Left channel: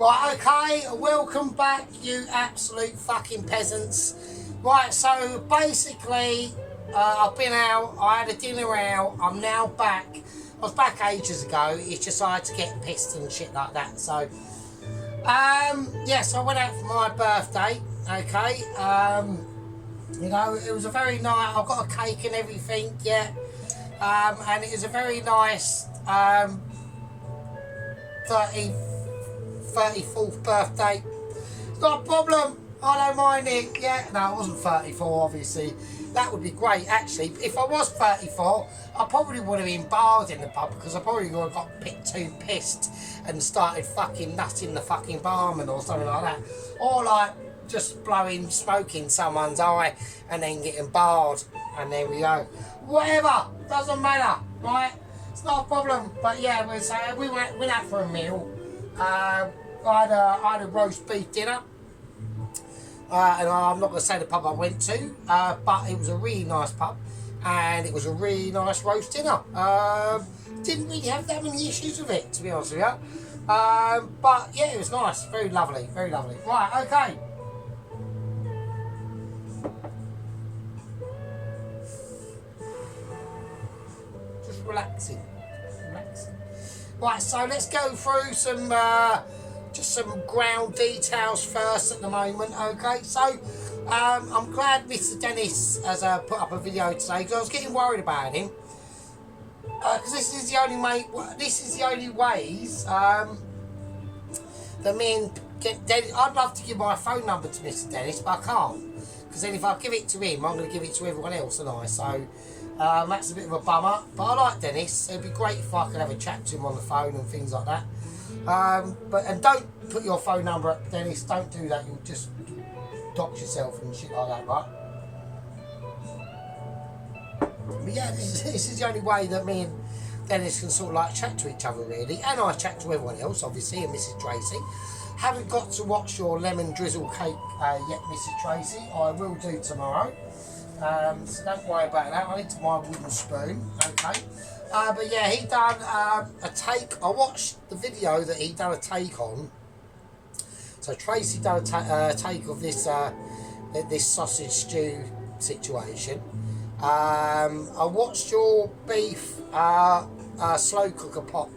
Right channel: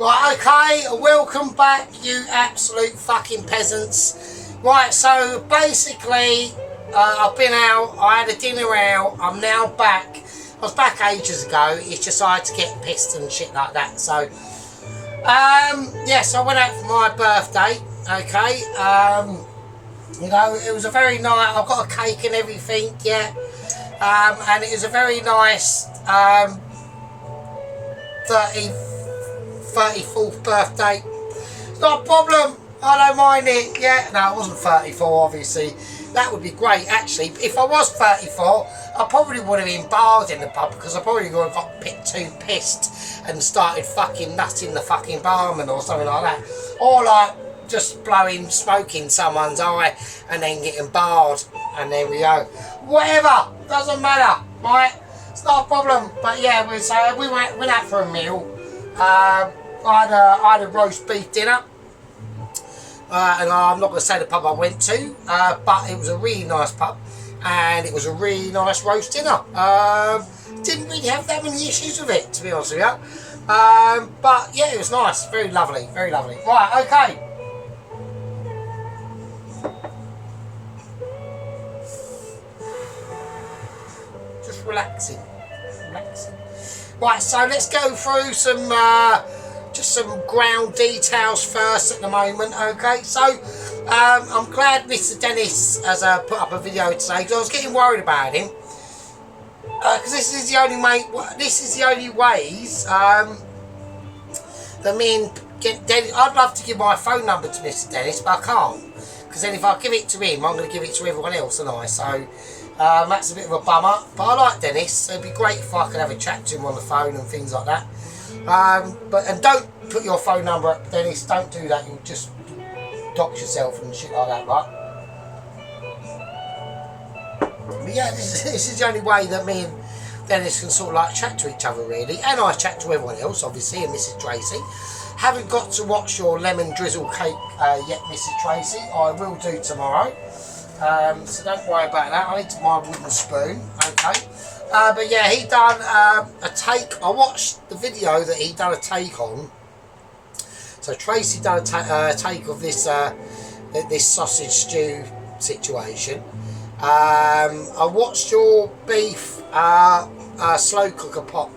Right, okay, welcome back, you absolute fucking peasants. Right, so basically, I've been out, I had a dinner out, I'm now back. I was back ages ago, it's just I had to get pissed and shit like that, so... yes, I went out for my birthday, okay, you know, it was a very nice, I've got a cake and everything, yeah, and it was a very nice, 34th birthday. Not a problem, I don't mind it. Yeah, no, it wasn't 34 obviously, that would be great actually. If I was 34 I probably would have been barred in the pub, because I probably would have got too pissed and started fucking nutting the fucking barman or something like that, or like just blowing smoke in someone's eye and then getting barred, and there we go. Whatever, doesn't matter, right? It's not a problem. But yeah, we went out for a meal. I had a roast beef dinner, and I'm not going to say the pub I went to, but it was a really nice pub, and it was a really nice roast dinner. Didn't really have that many issues with it, to be honest with you, but yeah, it was nice, very lovely, very lovely. Right, okay. Just relaxing. Right, so let's go through some just some ground details first at the moment. Okay, so I'm glad Mr. Dennis has put up a video today, because I was getting worried about him, because this is the only way. This is the only ways that me and Dennis. I'd love to give my phone number to Mr. Dennis, but I can't, because then if I give it to him, I'm going to give it to everyone else, and so. That's a bit of a bummer, but I like Dennis, so it'd be great if I could have a chat to him on the phone and things like that. And don't put your phone number up, Dennis, don't do that, you'll just dox yourself and shit like that, right? But yeah, this is the only way that me and Dennis can sort of like chat to each other really, and I chat to everyone else obviously, and Mrs. Tracy. Haven't got to watch your lemon drizzle cake yet, Mrs. Tracy. I will do tomorrow. So don't worry about that. I need my wooden spoon, okay. But yeah, he done a take. I watched the video that he done a take on. So Tracy done a take of this this sausage stew situation. I watched your beef slow cooker pot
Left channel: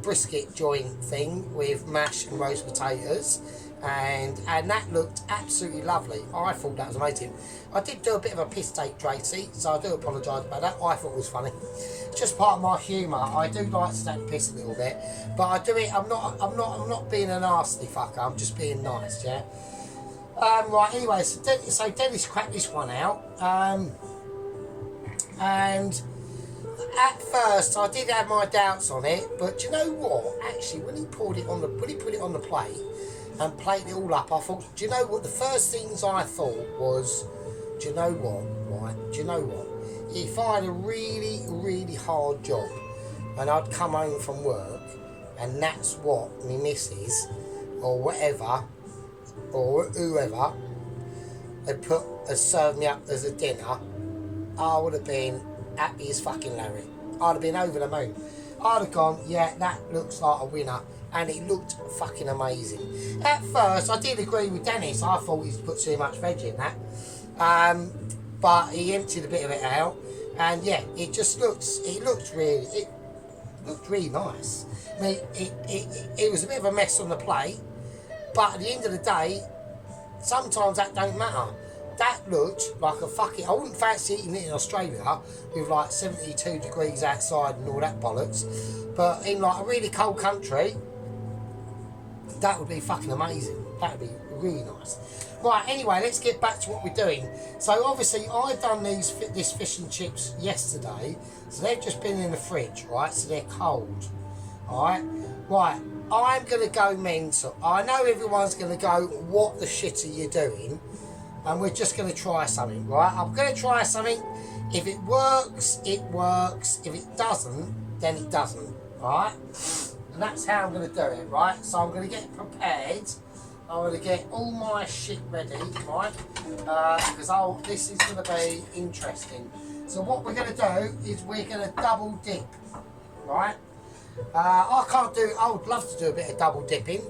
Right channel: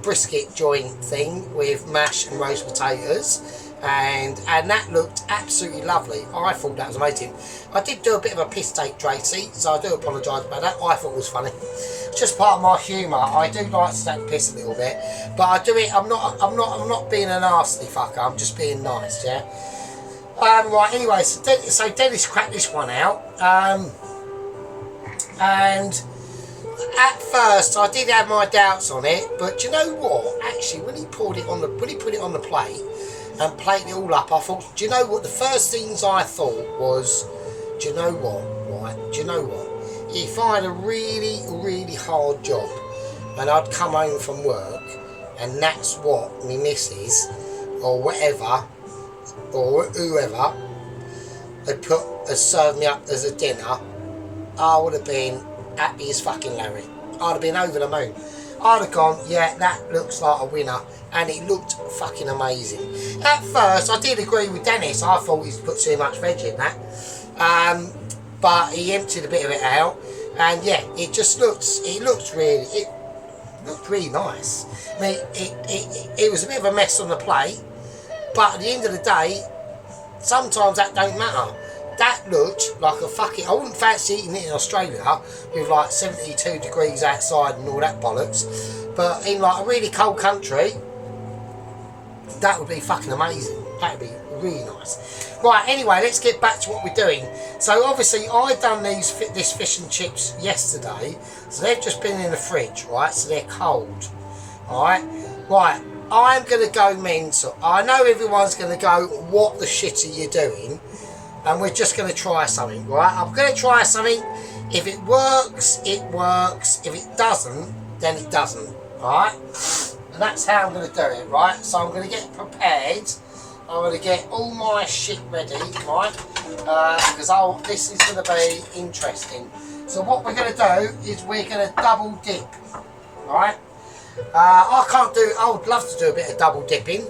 brisket joint thing with mash and roast potatoes. And that looked absolutely lovely. I thought that was amazing. I did do a bit of a piss take, Tracy, so I do apologise about that. I thought it was funny. It's just part of my humour. I do like to take piss a little bit, but I do it. I'm not being a nasty fucker. I'm just being nice, yeah. Right. Anyway, so Dennis cracked this one out, and at first I did have my doubts on it, but you know what? Actually, when he put it on the plate and plated it all up, I thought, do you know what? The first things I thought was, do you know what? Right? Do you know what? If I had a really, really hard job and I'd come home from work and that's what me missus or whatever or whoever had served me up as a dinner, I would have been happy as fucking Larry. I'd have been over the moon. I'd have gone, yeah, that looks like a winner, and it looked fucking amazing. At first, I did agree with Dennis. I thought he'd put too much veg in that, but he emptied a bit of it out, and yeah, it looked really nice. I mean, it was a bit of a mess on the plate, but at the end of the day, sometimes that don't matter. That looked like a fucking... I wouldn't fancy eating it in Australia with like 72 degrees outside and all that bollocks. But in like a really cold country, that would be fucking amazing. That would be really nice. Right, anyway, let's get back to what we're doing. So obviously I done this fish and chips yesterday. So they've just been in the fridge, right? So they're cold. Alright? Right, I'm going to go mental. I know everyone's going to go, what the shit are you doing? And we're just going to try something, right? I'm going to try something. If it works, it works. If it doesn't, then it doesn't, right? And that's how I'm going to do it, right? So I'm going to get prepared. I'm going to get all my shit ready, right? Because this is going to be interesting. So what we're going to do is we're going to double dip, right? I can't do. I would love to do a bit of double dipping.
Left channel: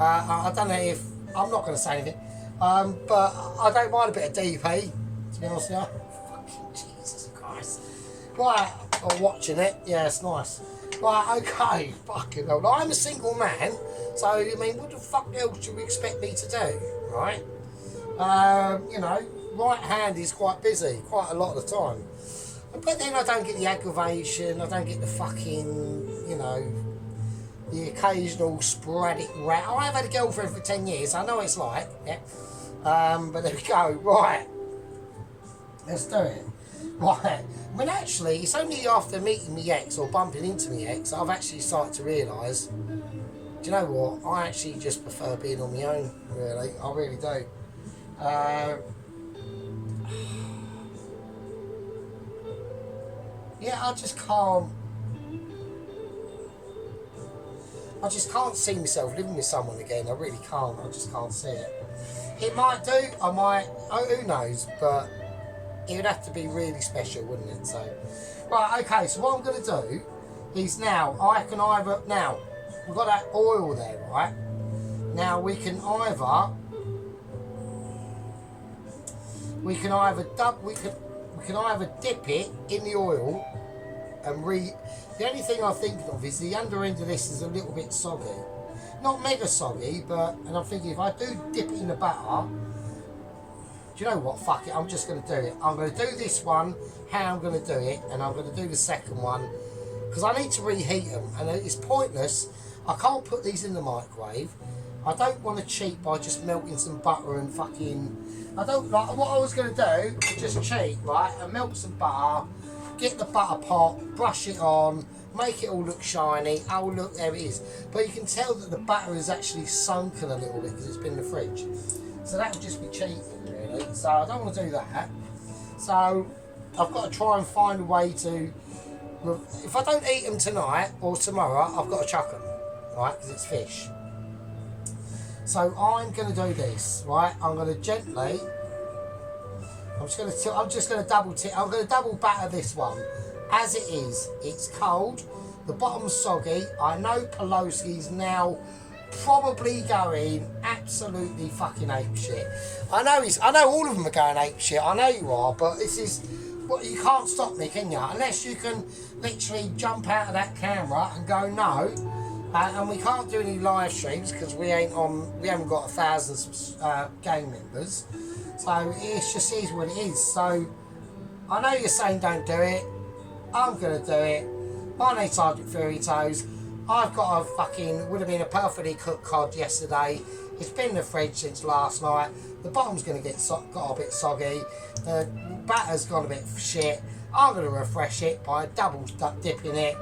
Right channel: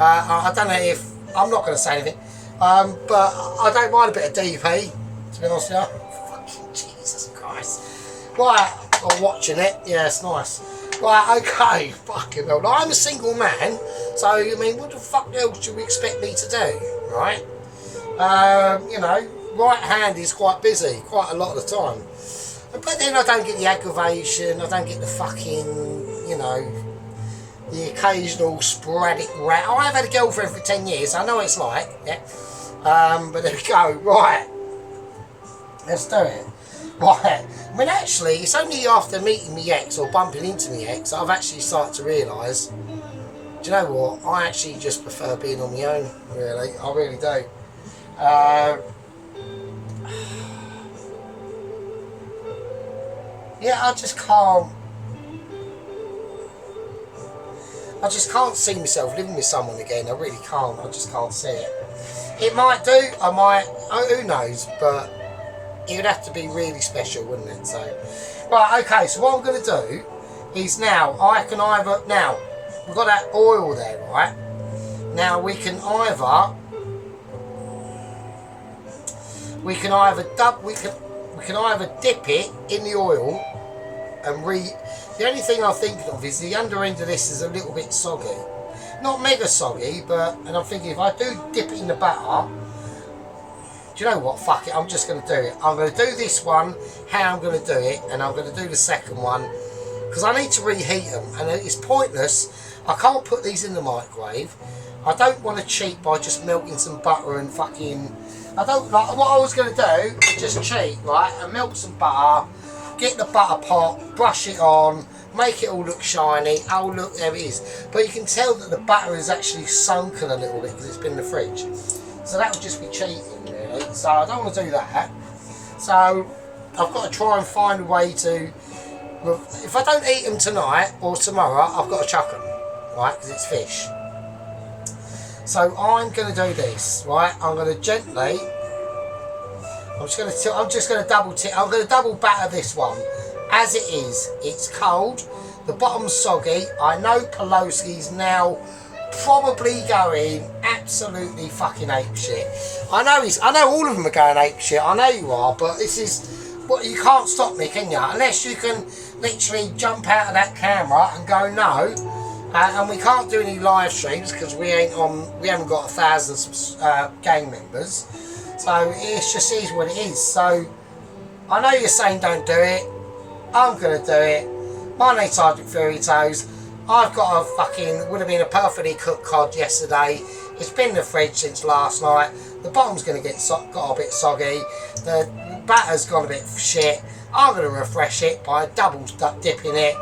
I don't know if I'm not going to say anything, but I don't mind a bit of DP. To be honest with you, fucking Jesus Christ. Right, I'm watching it. Yeah, it's nice. Right, okay, fucking hell. I'm a single man, so I mean, what the fuck else do you expect me to do, right? You know, right hand is quite busy, quite a lot of the time. But then I don't get the aggravation, I don't get the fucking, you know, the occasional sporadic rat. Oh, I've had a girlfriend for 10 years, I know what it's like, yeah. But there we go, right. Let's do it. Right. I mean, actually, it's only after meeting my ex or bumping into my ex I've actually started to realise, do you know what? I actually just prefer being on my own, really. I really do. Yeah, I just can't see myself living with someone again. I really can't. I just can't see it. It might do. I might. Oh, who knows? But it would have to be really special, wouldn't it? So, right. Okay. So what I'm going to do is now I can either we've got that oil there, right? Now we can either dip it in the oil and the only thing I'm thinking of is the under end of this is a little bit soggy. Not mega soggy, and I'm thinking if I do dip it in the batter, do you know what? Fuck it, I'm just going to do it. I'm going to do this one, how I'm going to do it, and I'm going to do the second one, because I need to reheat them, and it's pointless. I can't put these in the microwave. I don't want to cheat by just melting some butter and fucking... I don't like... What I was going to do is just cheat, right, and melt some butter, get the butter pot, brush it on, make it all look shiny. Oh, look, there it is. But you can tell that the butter is actually sunken a little bit because it's been in the fridge. So that would just be cheating, really. So I don't want to do that. So I've got to try and find a way to... If I don't eat them tonight or tomorrow, I've got to chuck them, right, because it's fish. So I'm going to do this, right? I'm going to gently... I'm just going to double batter this one as it is. It's cold. The bottom's soggy. I know Pelosi's now probably going absolutely fucking ape shit. I know all of them are going ape shit. I know you are, but this is what you can't stop me, can you? Unless you can literally jump out of that camera and go no. And we can't do any live streams because we haven't got 1,000 gang members. So it just is what it is. So I know you're saying don't do it. I'm going to do it. My name's Sergeant Fairy Toes. I've got a fucking, would have been a perfectly cooked cod yesterday. It's been in the fridge since last night. The bottom's going to got a bit soggy. The batter's gone a bit shit. I'm going to refresh it by double dipping it.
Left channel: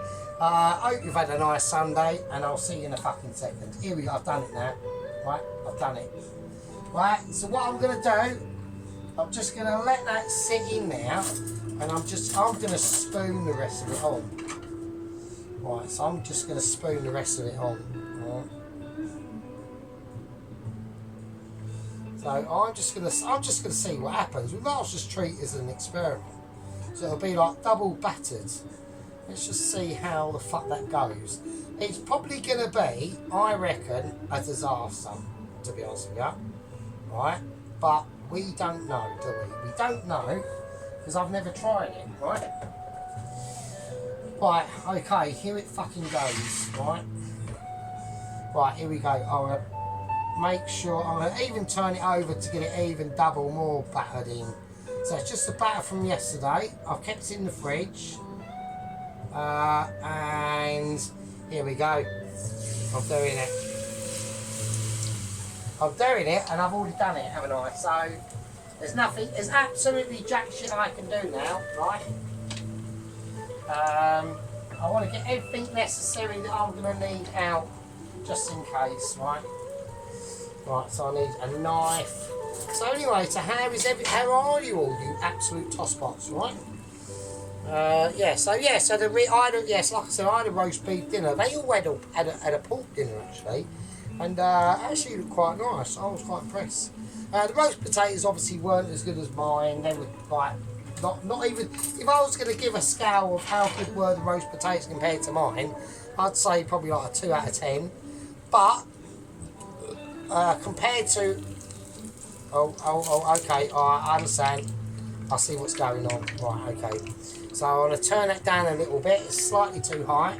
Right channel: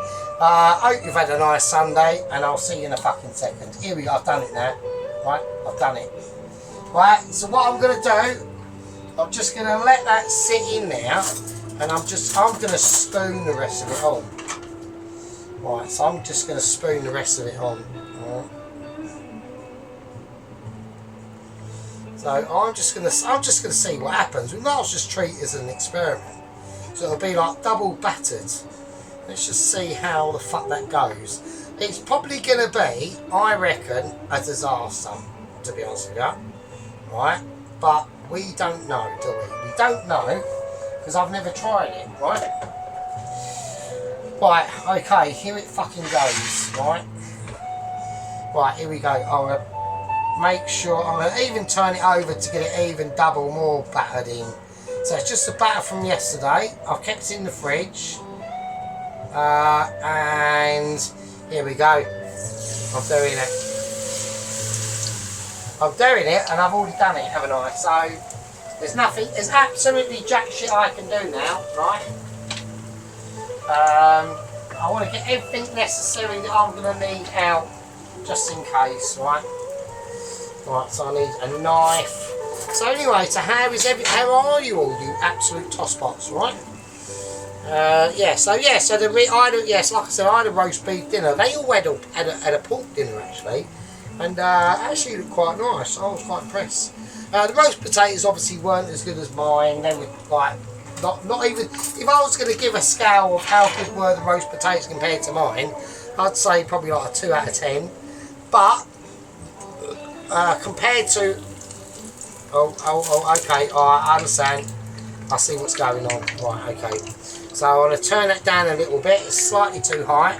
I hope you've had a nice Sunday, and I'll see you in a fucking second. Here we go, I've done it now. Right, I've done it. Right, so what I'm going to do, I'm just going to let that sit in there, and I'm going to spoon the rest of it on. Right, so I'm just going to spoon the rest of it on. Right. So I'm just going to see what happens. We might as well just treat it as an experiment. So it'll be like double battered. Let's just see how the fuck that goes. It's probably going to be, I reckon, a disaster, to be honest with you. Right? But we don't know, do we? We don't know, because I've never tried it, right? Right, okay, here it fucking goes, right? Right, here we go. I'm going to make sure, I'm going to even turn it over to get it even double more battered in. So it's just the batter from yesterday. I've kept it in the fridge. And here we go. I'm doing it, and I've already done it, haven't I? So there's absolutely jack shit I can do now, right? I want to get everything necessary that I'm going to need out, just in case, right? Right, so I need a knife. So anyway, so how are you all, you absolute tosspots, right? So like I said, I had a roast beef dinner. They all had a pork dinner actually, and actually looked quite nice. I was quite impressed. The roast potatoes obviously weren't as good as mine. They were like not even. If I was going to give a scale of how good were the roast potatoes compared to mine, I'd say probably like a 2 out of 10. But compared to okay, alright, I understand. I see what's going on. Right, okay. So I'm going to turn that down a little bit. It's slightly too high.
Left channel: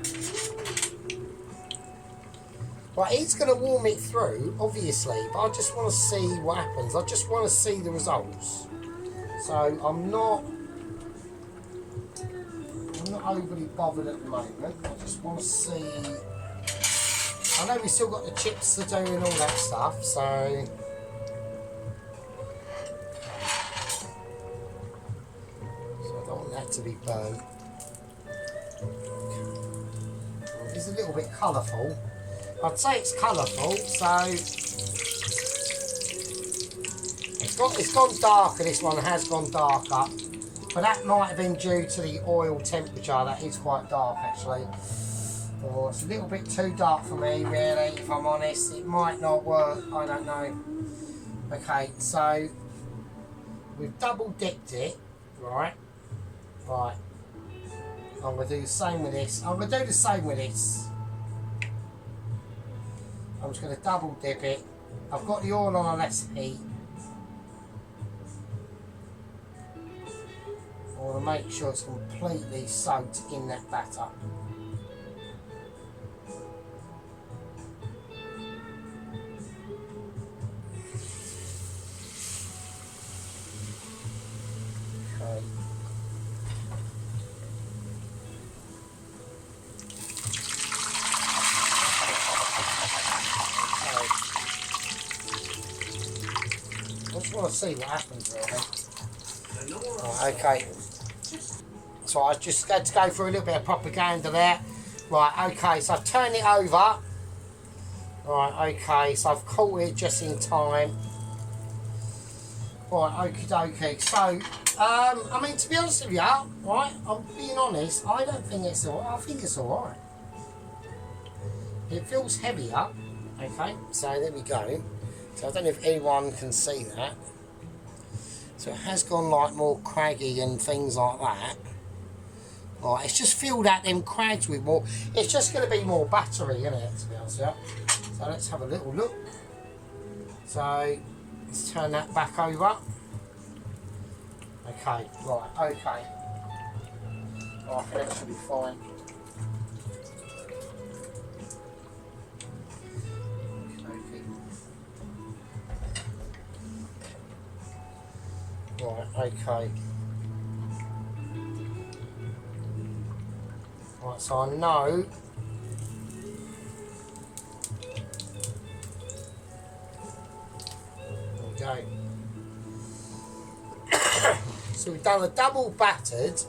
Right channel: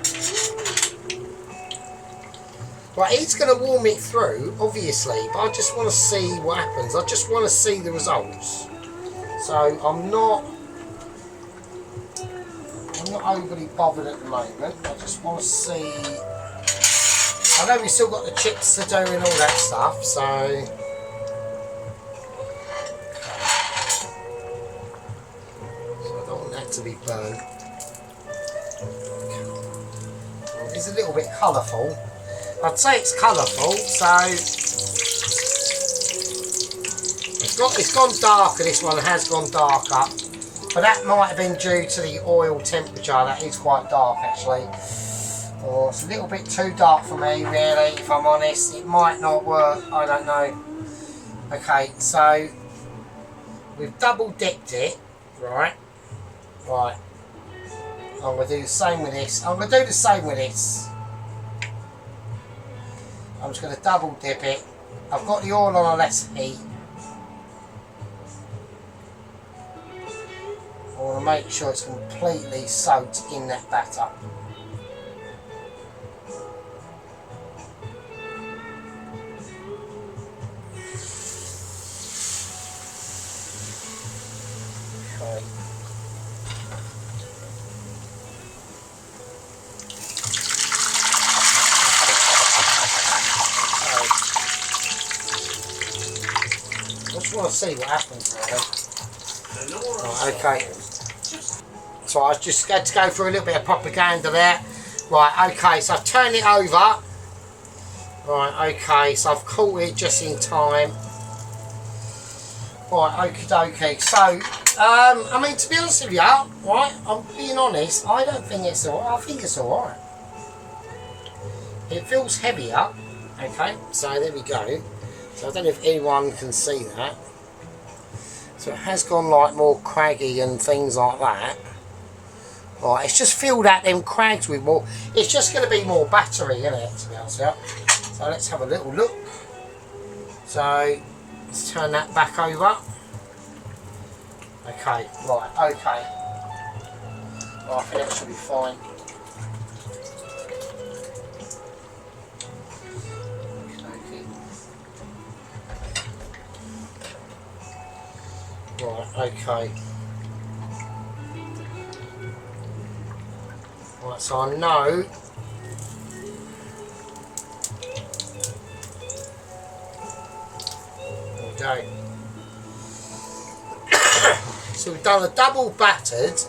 Right, it's going to warm it through, obviously, but I just want to see what happens. I just want to see the results. So I'm not overly bothered at the moment. I just want to see. I know we've still got the chips to do and all that stuff, so. To be burned. It's a little bit colourful. I'd say it's colourful, so it's gone darker. This one has gone darker, but that might have been due to the oil temperature. That is quite dark actually. Or it's a little bit too dark for me, really. If I'm honest, it might not work. I don't know. Okay, so we've double dipped it, right? Right, I'm going to do the same with this. I'm going to do the same with this. I'm just going to double dip it. I've got the oil on a less heat. I want to make sure it's completely soaked in that batter. See what happens now. Right, okay. So I just had to go through a little bit of propaganda there. Right, okay, so I've turned it over. Right, okay, so I've caught it just in time. Right, okie dokie. So, I mean, to be honest with you, right, I'm being honest, I don't think it's alright. I think it's alright. It feels heavier. Okay, so there we go. So I don't know if anyone can see that. So it has gone like more craggy and things like that. Right, it's just filled out them crags with more. It's just going to be more battery, isn't it, to be honest with you. So let's have a little look. So let's turn that back over. Okay, right, okay. Right, I think that should be fine. Right, okay. Right, so I know. There we go. So we've done a double battered,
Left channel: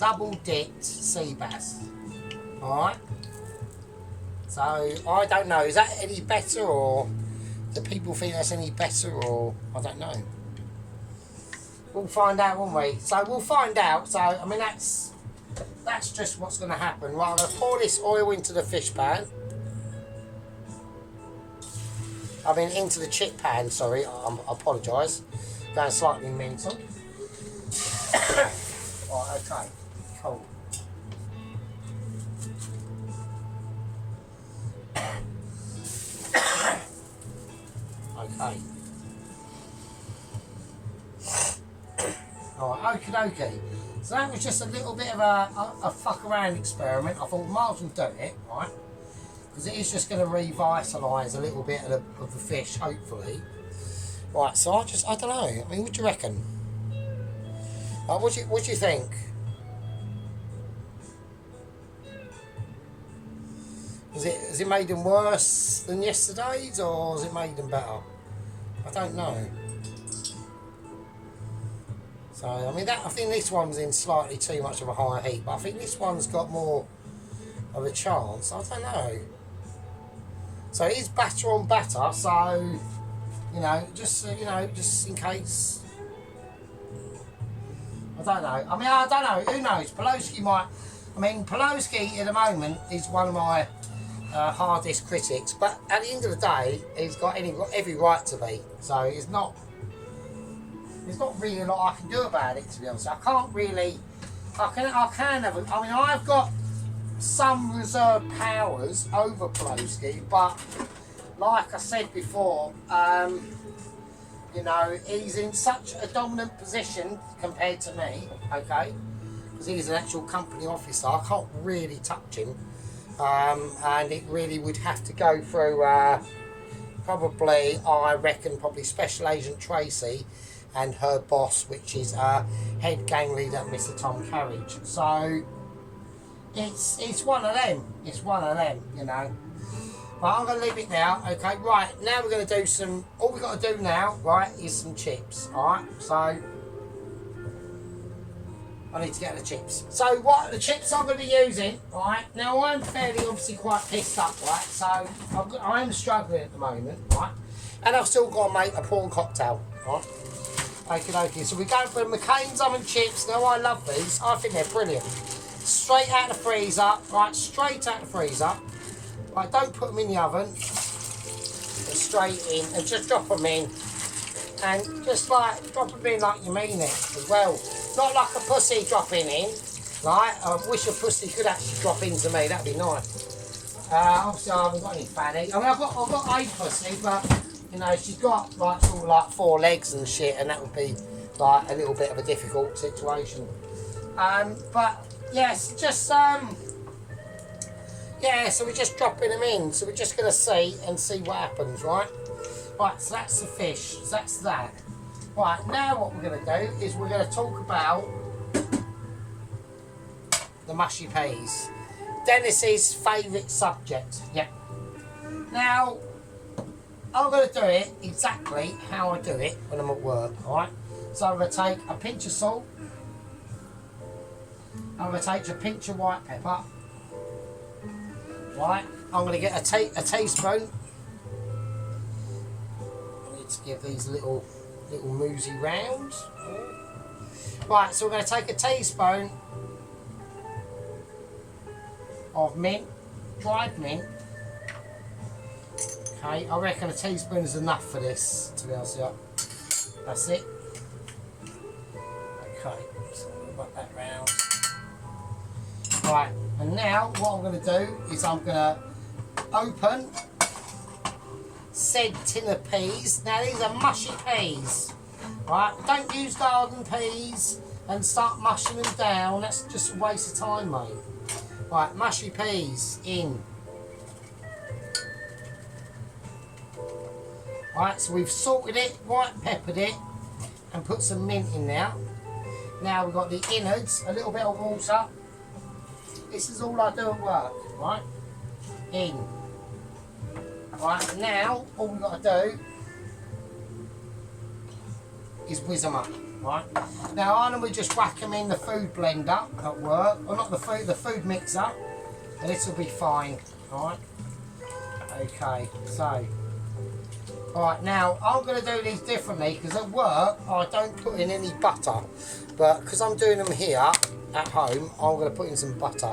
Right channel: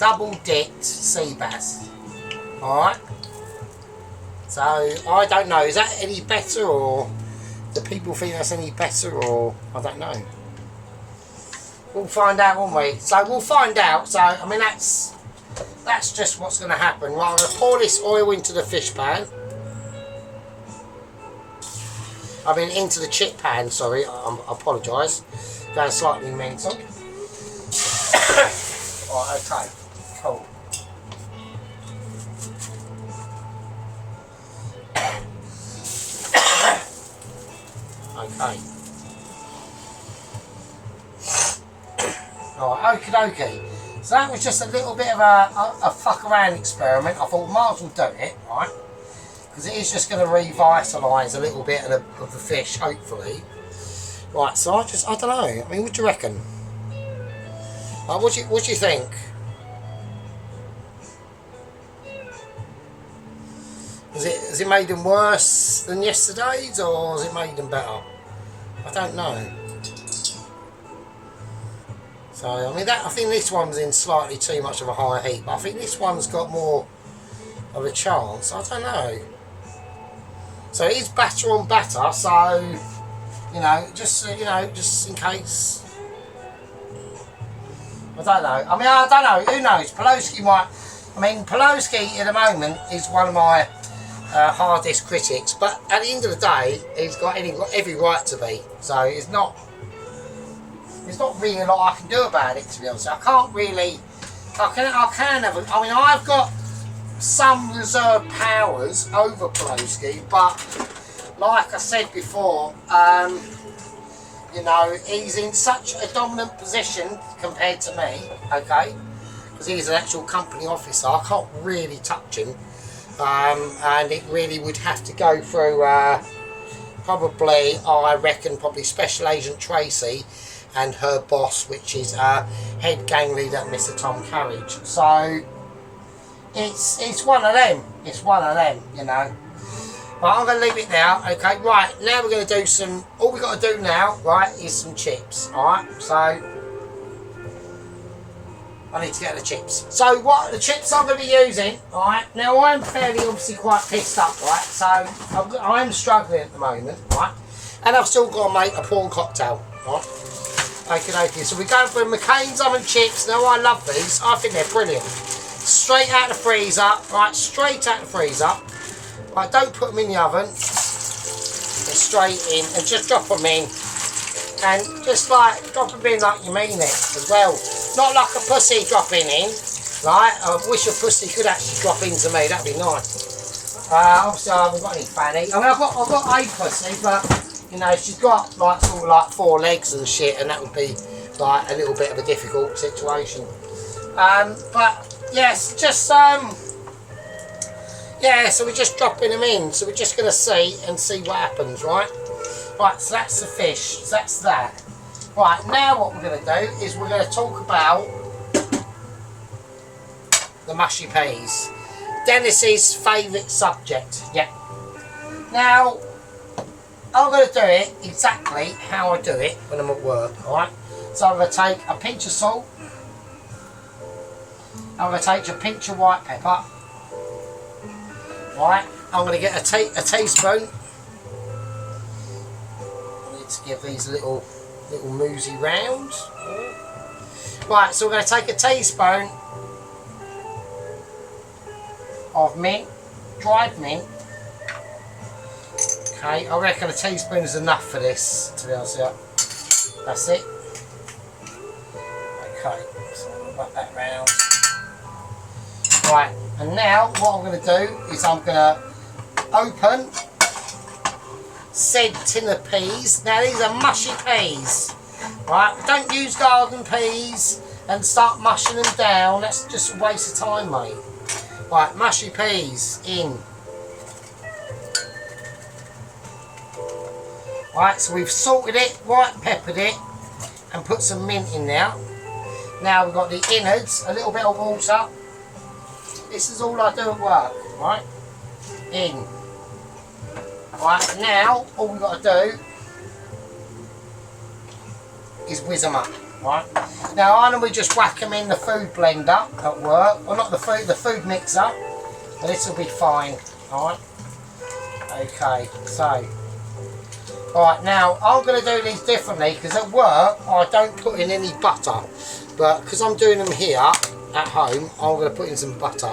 double dipped sea bass. Alright. So I don't know, is that any better, or do people think that's any better, or I don't know. We'll find out, won't we? So we'll find out. So I mean that's just what's going to happen. Right, I'm going to pour this oil into the fish pan. I mean into the chip pan. Sorry, I apologise. Going slightly mental. Right, okay, cool. Okay. Right, okie dokie. So that was just a little bit of a fuck around experiment. I thought might as well do it, right? Because it is just going to revitalise a little bit of the fish, hopefully. Right, so I don't know. I mean, what do you reckon? What do you think? Has it made them worse than yesterday's, or has it made them better? I don't know. So I mean, I think this one's in slightly too much of a high heat, but I think this one's got more of a chance. I don't know. So it is batter on batter, so just in case. I don't know. I mean, I don't know. Who knows? Poloski might. I mean, Poloski at the moment is one of my hardest critics, but at the end of the day, he's got every right to be. So it's not really a lot I can do about it, to be honest. I can't really. I can have. I mean, I've got some reserve powers over Pelosi, but like I said before, you know, he's in such a dominant position compared to me, okay, because he's an actual company officer. I can't really touch him, and it really would have to go through probably, I reckon, probably Special Agent Tracy and her boss, which is head gang leader Mr. Tom Carriage. So it's one of them. It's one of them, you know. Right, I'm going to leave it now. Okay, right, now we're going to do some, all we've got to do now, right, is some chips. Alright, so I need to get the chips. So what the chips I'm going to be using, alright, now I'm fairly obviously quite pissed up, right, so I'm struggling at the moment, right, and I've still got to make a prawn cocktail, right. Okay, so we're going for McCain's oven chips. Now I love these, I think they're brilliant. Straight out of the freezer, right, straight out of the freezer. Right, don't put them in the oven, just straight in, and just drop them in, and just like drop them in like you mean it as well, not like a pussy dropping in, right? I wish a pussy could actually drop into me, that'd be nice. Obviously I haven't got any fanny. I mean I've got a pussy, but you know she's got like sort of like 4 legs and shit, and that would be like a little bit of a difficult situation. But yes, just yeah, so we're just dropping them in, so we're just going to see what happens, right? Right, so that's the fish, so that's that. Right, now what we're going to do is we're going to talk about the mushy peas. Dennis's favourite subject, yeah. Now, I'm going to do it exactly how I do it when I'm at work, alright? So I'm going to take a pinch of salt, I'm going to take a pinch of white pepper, right, I'm going to get a teaspoon. I need to give these little moosey rounds. Right, so we're going to take a teaspoon of mint, dried mint. Okay, I reckon a teaspoon is enough for this, to be honest with you. That's it. Okay, so I'm going to wrap that round. Right, and now what I'm going to do is I'm going to open said tin of peas. Now these are mushy peas, right? Don't use garden peas and start mushing them down. That's just a waste of time, mate. Right, mushy peas in. Right, so we've salted it, white peppered it, and put some mint in now. Now we've got the innards, a little bit of water. This is all I do at work, right? In. Right, now all we've got to do is whiz them up, right? Now I normally just whack them in the food blender at work, or not the food mixer, and this will be fine, alright? Okay, so, alright, now I'm going to do these differently because at work I don't put in any butter, but because I'm doing them here at home, I'm going to put in some butter.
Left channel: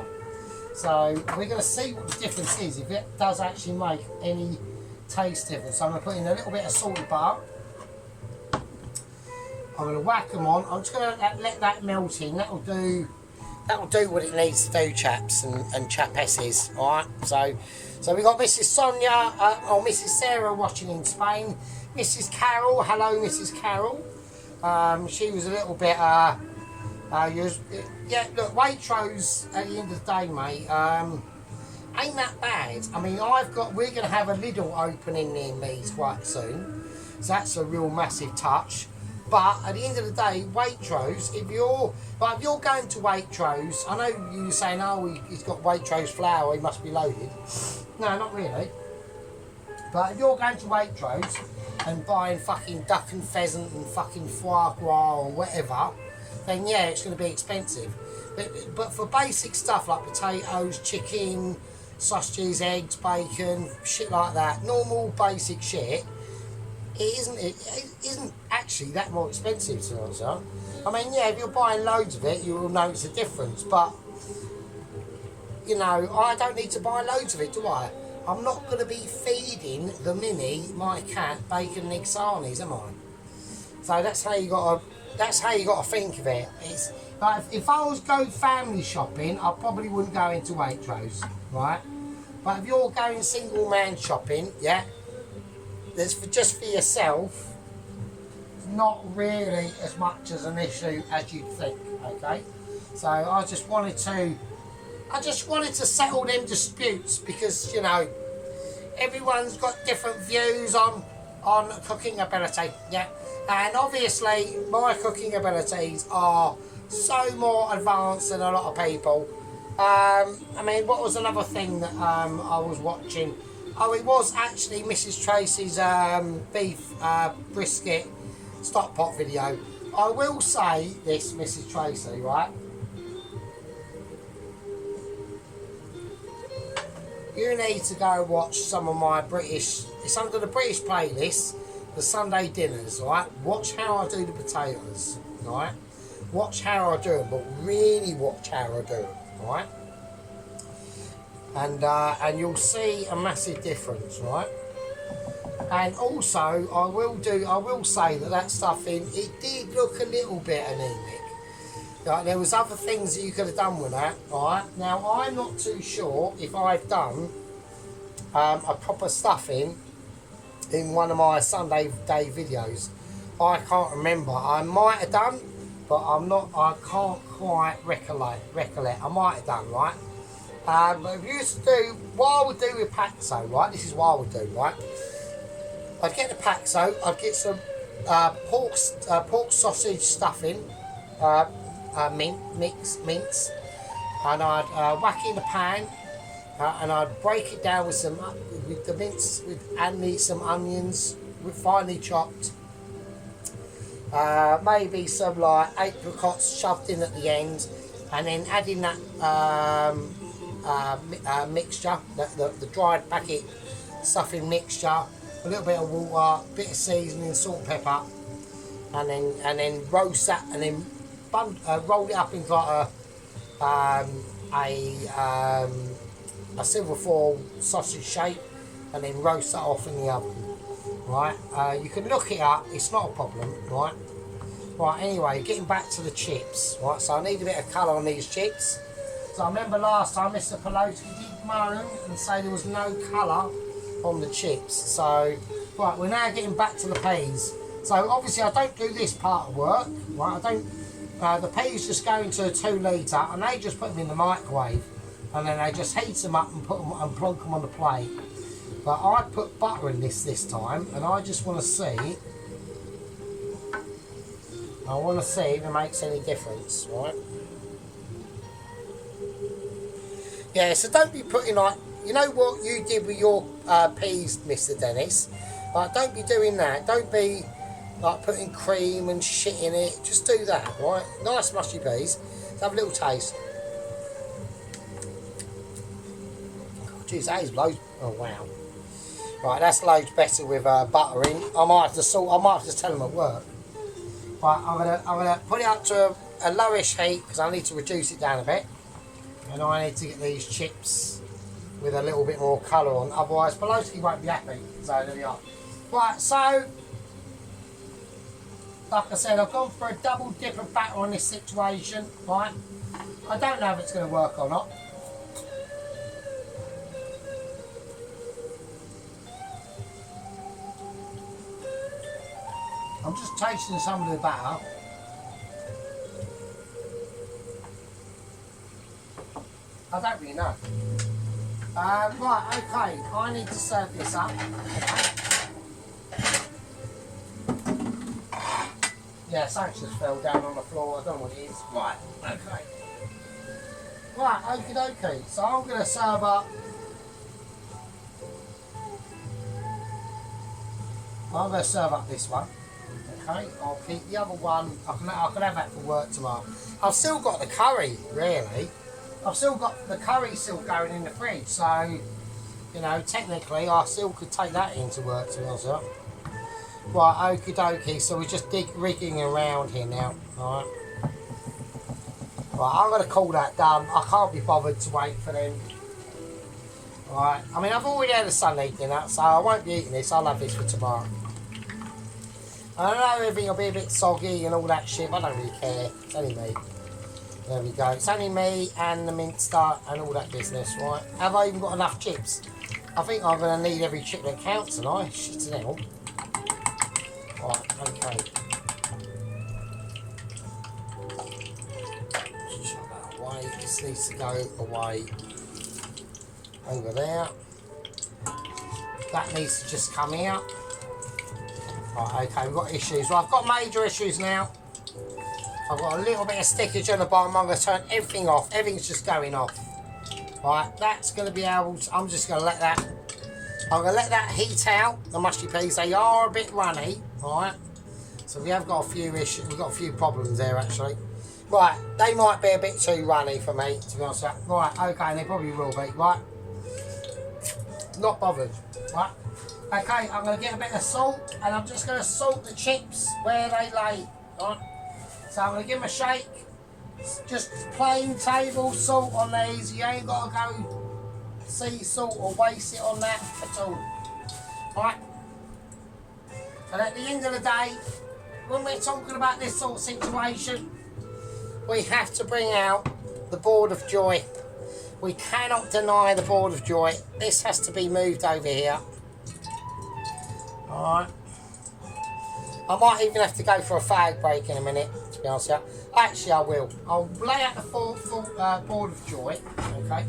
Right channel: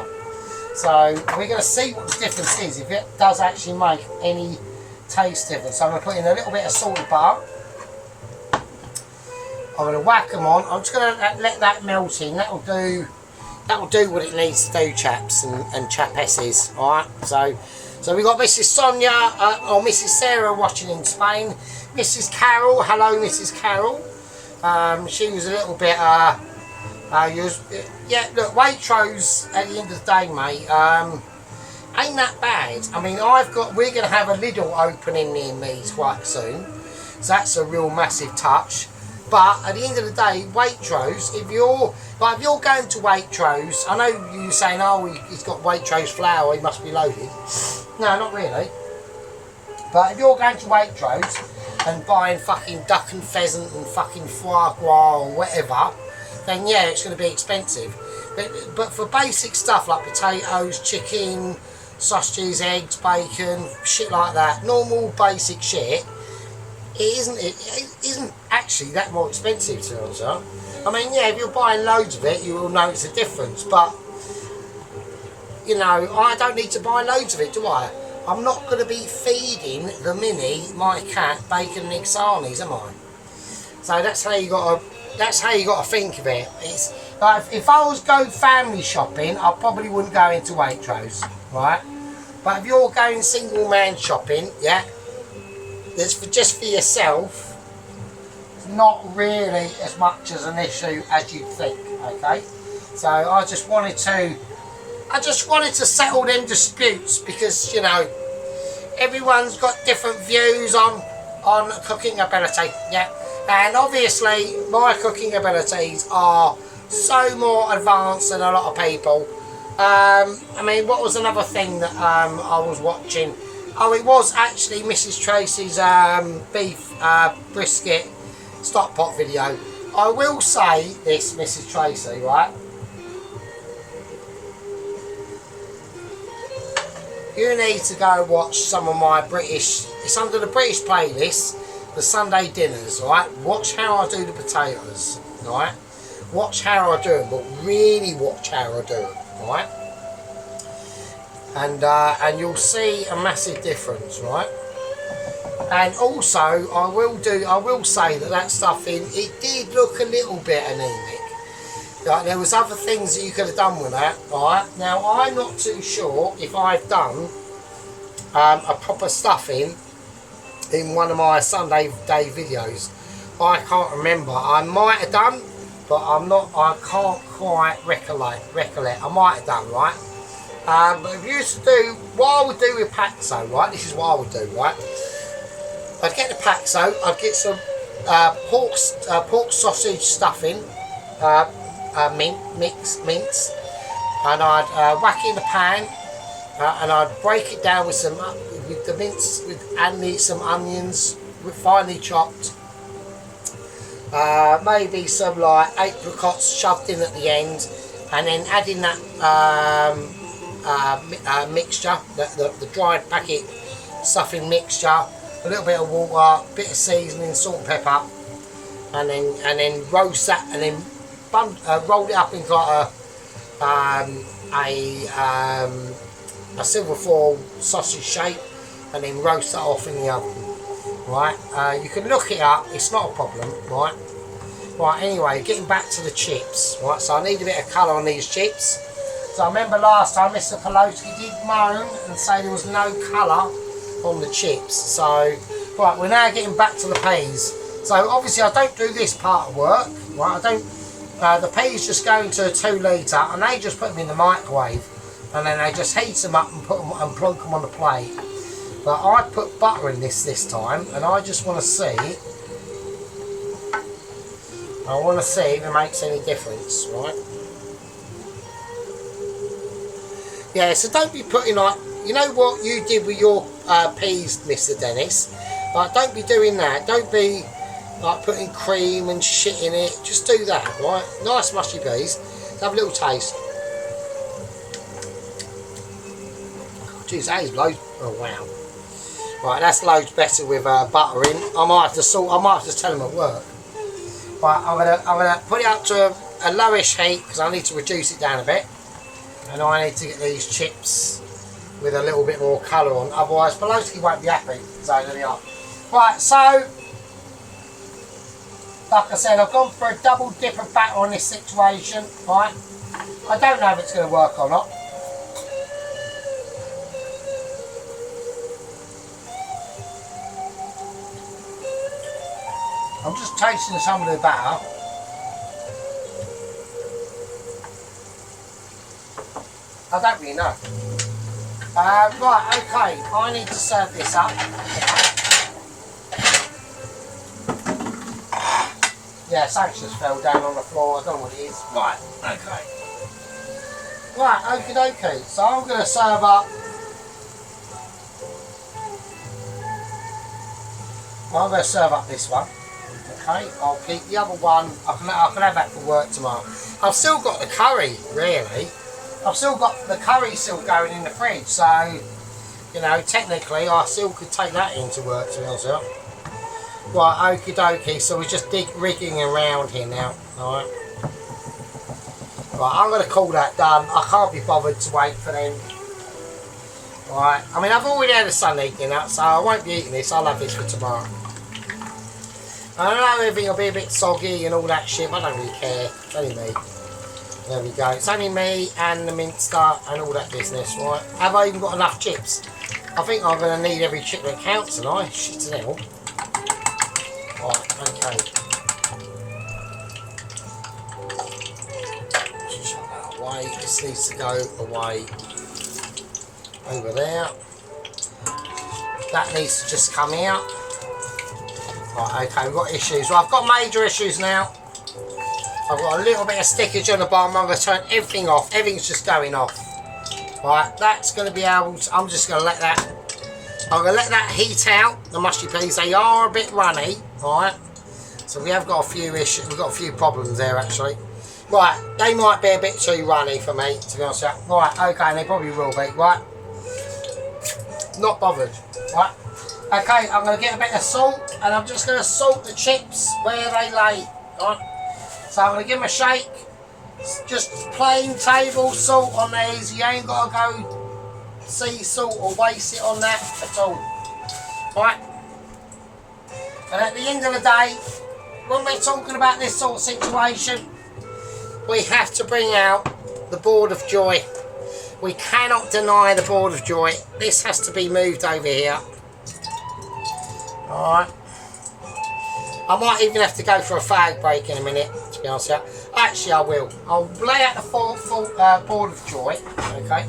So we're going to see what the difference is, if it does actually make any taste difference. So I'm going to put in a little bit of salted butter. I'm going to whack them on. I'm just going to let that melt in. That'll do what it needs to do, chaps and chapesses. All right. So we've got Mrs. Sonia or Mrs. Sarah watching in Spain. Mrs. Carol, hello, Mrs. Carol. She was a little bit. Yeah, look, Waitrose at the end of the day, mate, ain't that bad. I mean, we're going to have a Lidl opening near me quite soon, so that's a real massive touch. But at the end of the day, Waitrose, if you're going to Waitrose, I know you're saying, oh, he's got Waitrose flour, he must be loaded. No, not really. But if you're going to Waitrose and buying fucking duck and pheasant and fucking foie gras or whatever, then yeah, it's going to be expensive. But for basic stuff like potatoes, chicken, sausages, eggs, bacon, shit like that, normal basic shit, it isn't actually that more expensive, to be honest. I mean, yeah, if you're buying loads of it, you will notice a difference. But you know, I don't need to buy loads of it, do I? I'm not going to be feeding the Mini, my cat, bacon and egg sarnies, am I? So that's how you got to think of it. Like if I was going family shopping, I probably wouldn't go into Waitrose, right? But if you're going single man shopping, yeah, it's just for yourself, not really as much as an issue as you'd think, okay? So I just wanted to settle them disputes because, you know, everyone's got different views on cooking ability, yeah. And obviously my cooking abilities are so more advanced than a lot of people. I mean, what was another thing that I was watching? Oh, it was actually Mrs. Tracy's beef brisket stock pot video. I will say this, Mrs. Tracy, right? You need to go watch some of my British, it's under the British playlist, the Sunday dinners, right? Watch how I do the potatoes, right? Watch how I do them, but really watch how I do them, right? And you'll see a massive difference, right? And also, I will say that stuff it did look a little bit anemic. Like, there was other things that you could have done with that, right? Now, I'm not too sure if I've done a proper stuffing in one of my Sunday day videos. I can't remember. I might have done, but I can't quite recollect. I might have done, right? But if you used to do, what I would do with Paxo, right? This is what I would do, right? I'd get the Paxo, I'd get some pork sausage stuffing, mince, and I'd whack it in the pan, and I'd break it down with the mince and some onions, finely chopped. Maybe some like apricots shoved in at the end, and then adding that mixture, the dried packet stuffing mixture, a little bit of water, bit of seasoning, salt and pepper, and then roast that, and then roll it up into like a silver foil sausage shape, and then roast that off in the oven. Right, you can look it up, it's not a problem, right? Right, anyway, getting back to the chips, right, so I need a bit of colour on these chips. So I remember last time Mr. Pelosi did moan and say there was no colour on the chips. So, right, we're now getting back to the peas. So obviously I don't do this part of work, right, the peas just go into a 2 litre and they just put them in the microwave, and then they just heat them up and put them and plonk them on the plate. But I put butter in this time, and I just want to see. I want to see if it makes any difference, right? Yeah, so don't be putting like, you know what you did with your peas, Mr. Dennis. Like, don't be doing that. Don't be like putting cream and shit in it. Just do that, right? Nice mushy peas. Have a little taste. Jeez, that is loads. Oh wow. Right, that's loads better with butter in. I might have to tell them at work. Right, I'm gonna put it up to a lowish heat because I need to reduce it down a bit, and I need to get these chips with a little bit more colour on. Otherwise, Pelosi won't be happy. So there we are. Right, so like I said, I've gone for a double dip of batter on this situation. Right, I don't know if it's going to work or not. I'm just tasting some of the batter. I don't really know. Right, okay, I need to serve this up. Yeah, something just fell down on the floor, I don't know what it is. Right, okay. Right, okie dokie. So I'm going to serve up. I'm going to serve up this one. Okay, I'll keep the other one. I can have that for work tomorrow. I've still got the curry, really. I've still got the curry still going in the fridge, so you know, technically I still could take that into work, to be honest with you. Right, okie dokie. So we're just rigging around here now. Alright. Right, I'm going to call that done. I can't be bothered to wait for them. Alright, I mean, I've already had a Sunday dinner, so I won't be eating this. I'll have this for tomorrow. I don't know if it'll be a bit soggy and all that shit, but I don't really care. It's only me. There we go. It's only me and the minster and all that business, right? Have I even got enough chips? I think I'm going to need every chip that counts tonight. Shit to hell. Right, okay. Shut that away. This needs to go away over there. That needs to just come out. Right, okay, we've got issues. Well, I've got major issues now. I've got a little bit of stickage on the bottom. I'm going to turn everything off. Everything's just going off. Right, that's going to be able to... I'm just going to let that... I'm going to let that heat out, the mushy peas. They are a bit runny, right? So we have got a few issues. We've got a few problems there, actually. Right, they might be a bit too runny for me, to be honest with you. Right, okay, and they probably will be, right? Not bothered, right? Okay, I'm going to get a bit of salt, and I'm just going to salt the chips where they lay, right? So I'm going to give them a shake. Just plain table salt on these. You ain't got to go sea salt or waste it on that at all, right? And at the end of the day, when we're talking about this sort of situation, we have to bring out the board of joy. We cannot deny the board of joy. This has to be moved over here. Alright. I might even have to go for a fag break in a minute, to be honest with you. Actually, I will. I'll lay out the full board of joy, okay?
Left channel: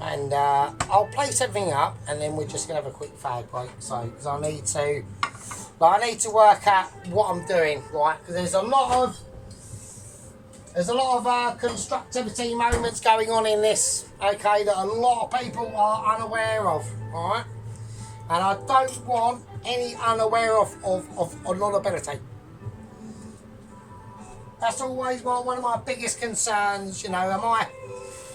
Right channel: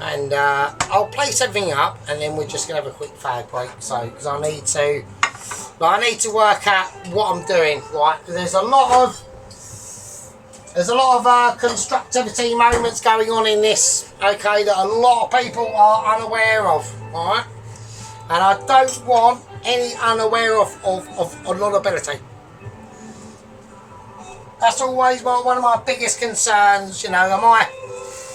And I'll place everything up, and then we're just going to have a quick fag break. So, because I need to work out what I'm doing, right? Because there's a lot of constructivity moments going on in this, okay, that a lot of people are unaware of, alright? And I don't want any unaware of vulnerability. That's always one of my biggest concerns, you know.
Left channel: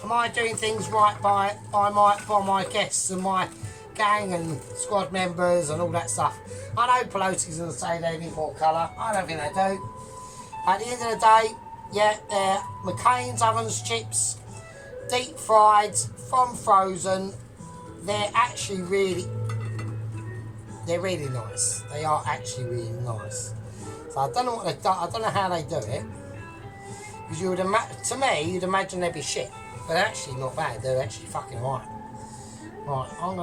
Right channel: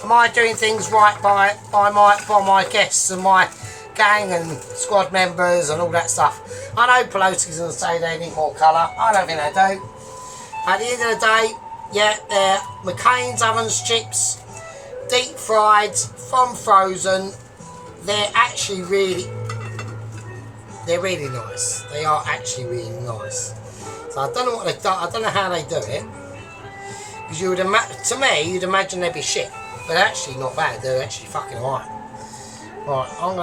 Am I doing things right by my guests and my gang and squad members and all that stuff? I know Pelosi's going to say they need more colour. I don't think they do. At the end of the day, yeah, they're McCain's ovens chips, deep fried from frozen. They're actually really nice. They are actually really nice. So I don't know what they do. I don't know how they do it. Because you would to me, you'd imagine they'd be shit. But they're actually not bad. They're actually fucking alright. Right, I'm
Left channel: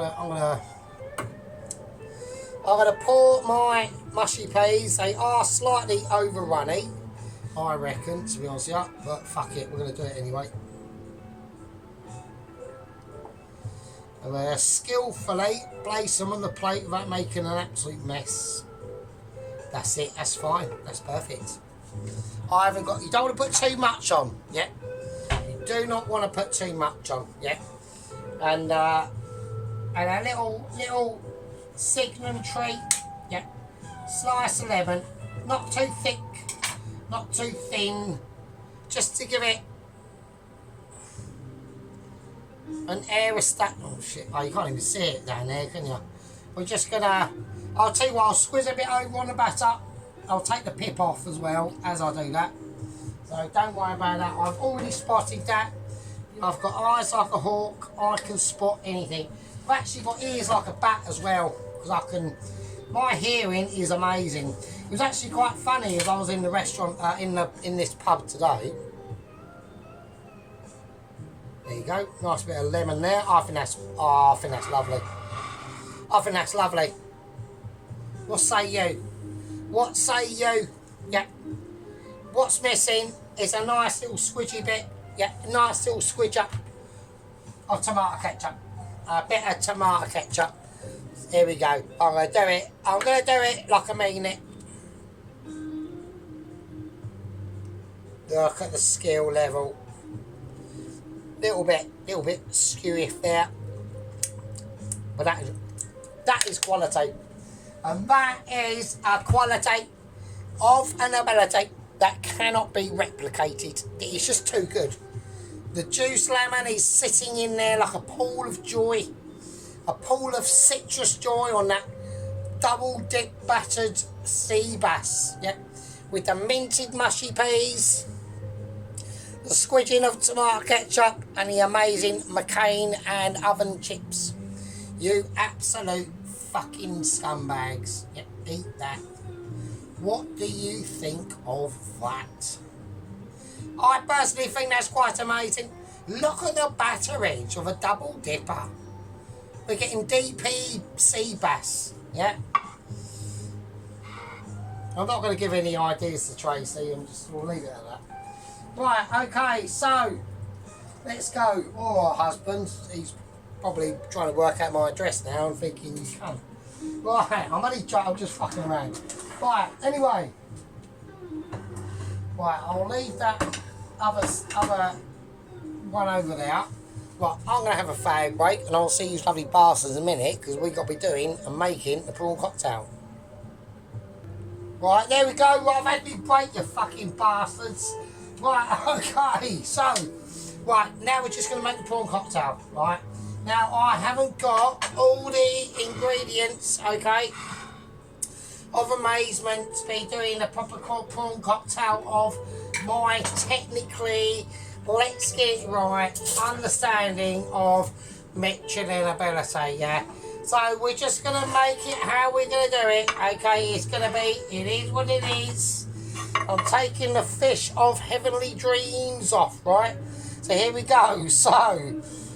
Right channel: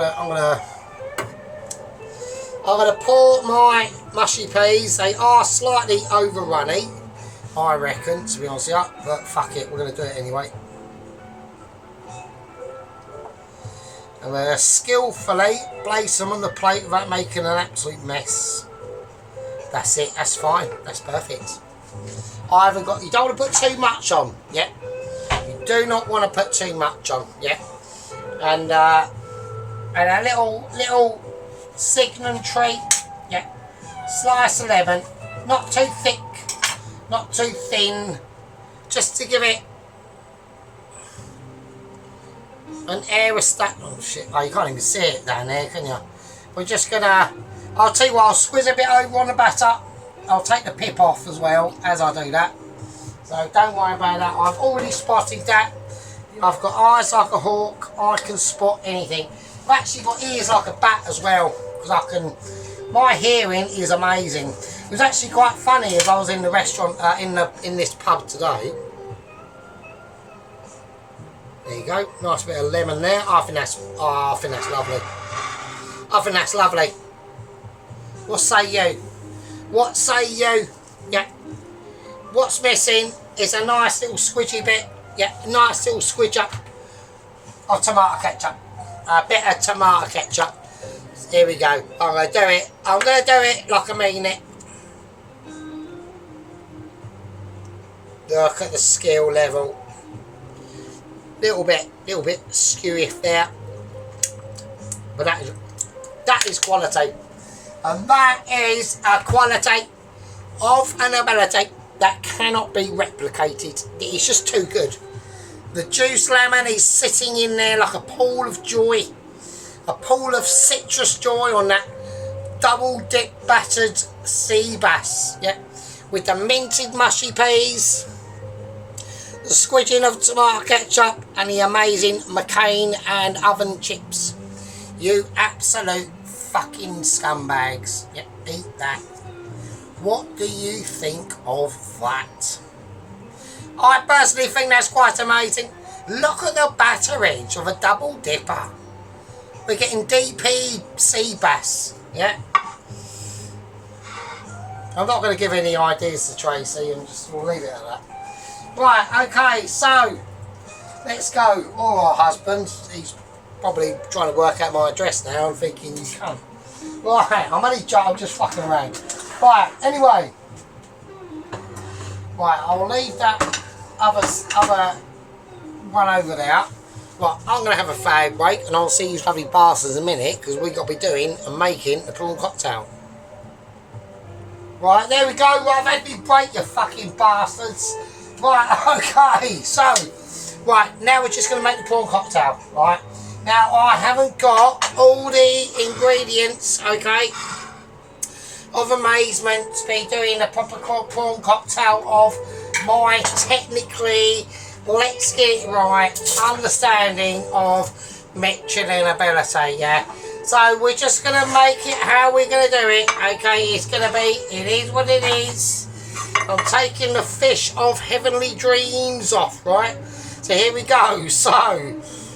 gonna pour my mushy peas. They are slightly over runny, I reckon, to be honest with you, but fuck it, we're going to do it anyway. And we're going to skillfully place them on the plate without making an absolute mess. That's it, that's fine, that's perfect. I haven't got, you don't want to put too much on, yeah? You do not want to put too much on, yeah? And a little Signum treat, yeah? Slice of lemon, not too thick, not too thin, just to give it an aerostat. Oh shit, oh, you can't even see it down there, can you? We're just gonna, I'll tell you what, I'll squeeze a bit over on the batter. I'll take the pip off as well as I do that. So don't worry about that. I've already spotted that. I've got eyes like a hawk. I can spot anything. I've actually got ears like a bat as well, because I can, my hearing is amazing. It was actually quite funny as I was in the restaurant, in this pub today. There you go, nice bit of lemon there. I think that's lovely. I think that's lovely. What say you? What say you? Yeah. What's missing is a nice little squidgy bit. Yeah, nice little squidge up of tomato ketchup. A bit of tomato ketchup. Here we go. I'm going to do it. I'm going to do it like I mean it. Look at the skill level. Little bit skewy there. But that is quality. And that is a quality of an ability that cannot be replicated. It is just too good. The juice lemon is sitting in there like a pool of joy. A pool of citrus joy on that double dip battered sea bass. Yeah. With the minted mushy peas, the squidging of tomato ketchup, and the amazing McCain and oven chips. You absolute fucking scumbags. Yeah, eat that. What do you think of that? I personally think that's quite amazing. Look at the batterage of a double dipper. We're getting DP sea bass, yeah? I'm not going to give any ideas to Tracy, we'll leave it at that. Right, okay, so let's go. Oh, our husband, he's probably trying to work out my address now and thinking he's come. Right, I'm just fucking around. Right, anyway. Right, I'll leave that other one over there. Right, I'm going to have a fag break and I'll see you lovely bastards in a minute because we've got to be doing and making the prawn cocktail. Right, there we go. Right, I've had me break, you fucking bastards. Right, okay, so, right, now we're just going to make the prawn cocktail, right? Now, I haven't got all the ingredients, okay, of amazement to be doing a proper prawn cocktail of my technically, let's get it right, understanding of Michelin ability, yeah? So we're just going to make it how we're going to do it, okay? It's going to be, it is what it is. I'm taking the fish of heavenly dreams off, right? So here we go. So,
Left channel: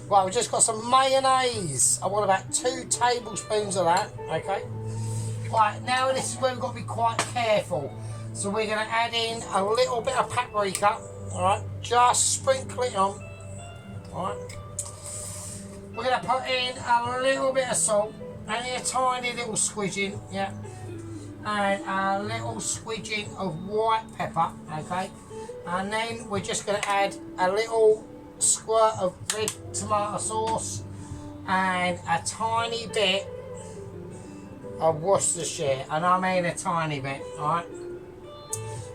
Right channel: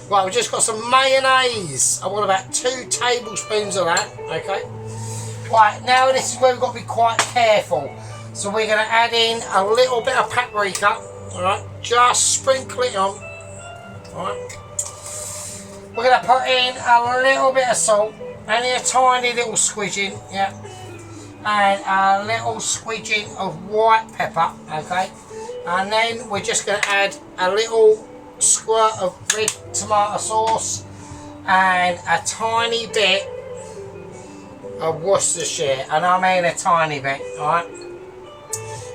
right, we've just got some mayonnaise. I want about 2 tablespoons of that, okay? Right, now this is where we've got to be quite careful. So we're going to add in a little bit of paprika, all right? Just sprinkle it on, all right? We're going to put in a little bit of salt, only a tiny little squidging, yeah, and a little squidging of white pepper, okay, and then we're just going to add a little squirt of red tomato sauce and a tiny bit of Worcestershire, and I mean a tiny bit, alright.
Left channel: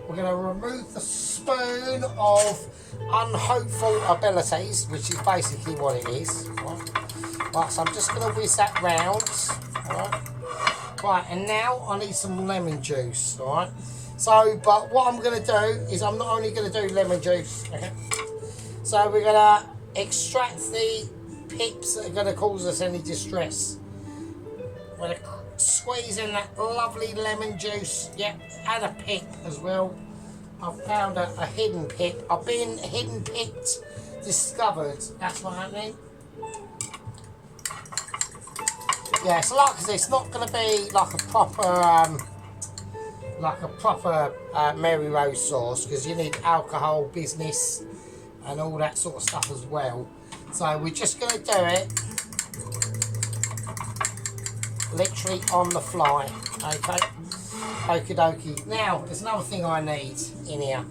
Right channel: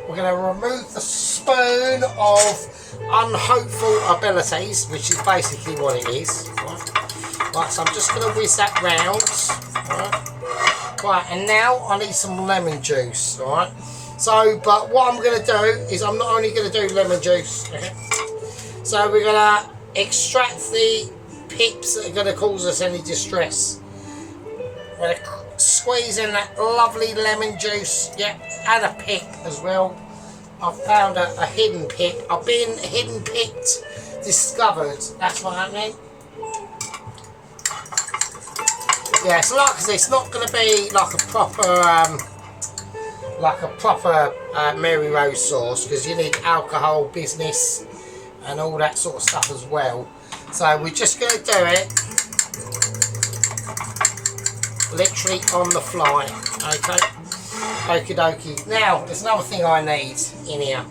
We're going to remove the spoon of unhopeful abilities, which is basically what it is. Right, so I'm just going to whiz that round. Right, and now I need some lemon juice. Right, so but what I'm going to do is I'm not only going to do lemon juice. Okay? So we're going to extract the pips that are going to cause us any distress. We're going to squeeze in that lovely lemon juice, yeah, and a pip as well. I've found a hidden pip. I've been hidden pipped, discovered. That's what's happening. Yeah, so like I said, it's not going to be like a proper Mary Rose sauce because you need alcohol business and all that sort of stuff as well. So we're just going to do it literally on the fly, okay? Okie dokie. Now, there's another thing I need in here.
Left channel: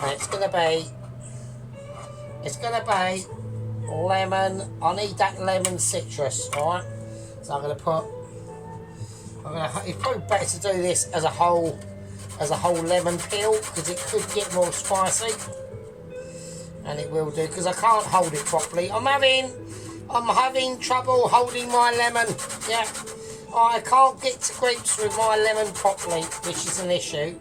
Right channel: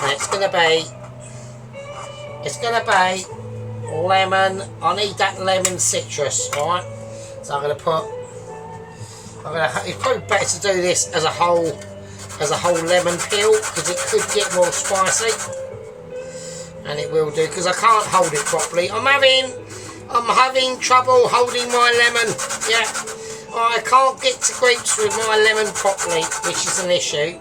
And it's gonna be lemon. I need that lemon citrus, alright? So I'm gonna it's probably better to do this as a whole lemon peel because it could get more spicy. And it will do because I can't hold it properly. I'm having trouble holding my lemon, yeah. I can't get to grips with my lemon properly, which is an issue.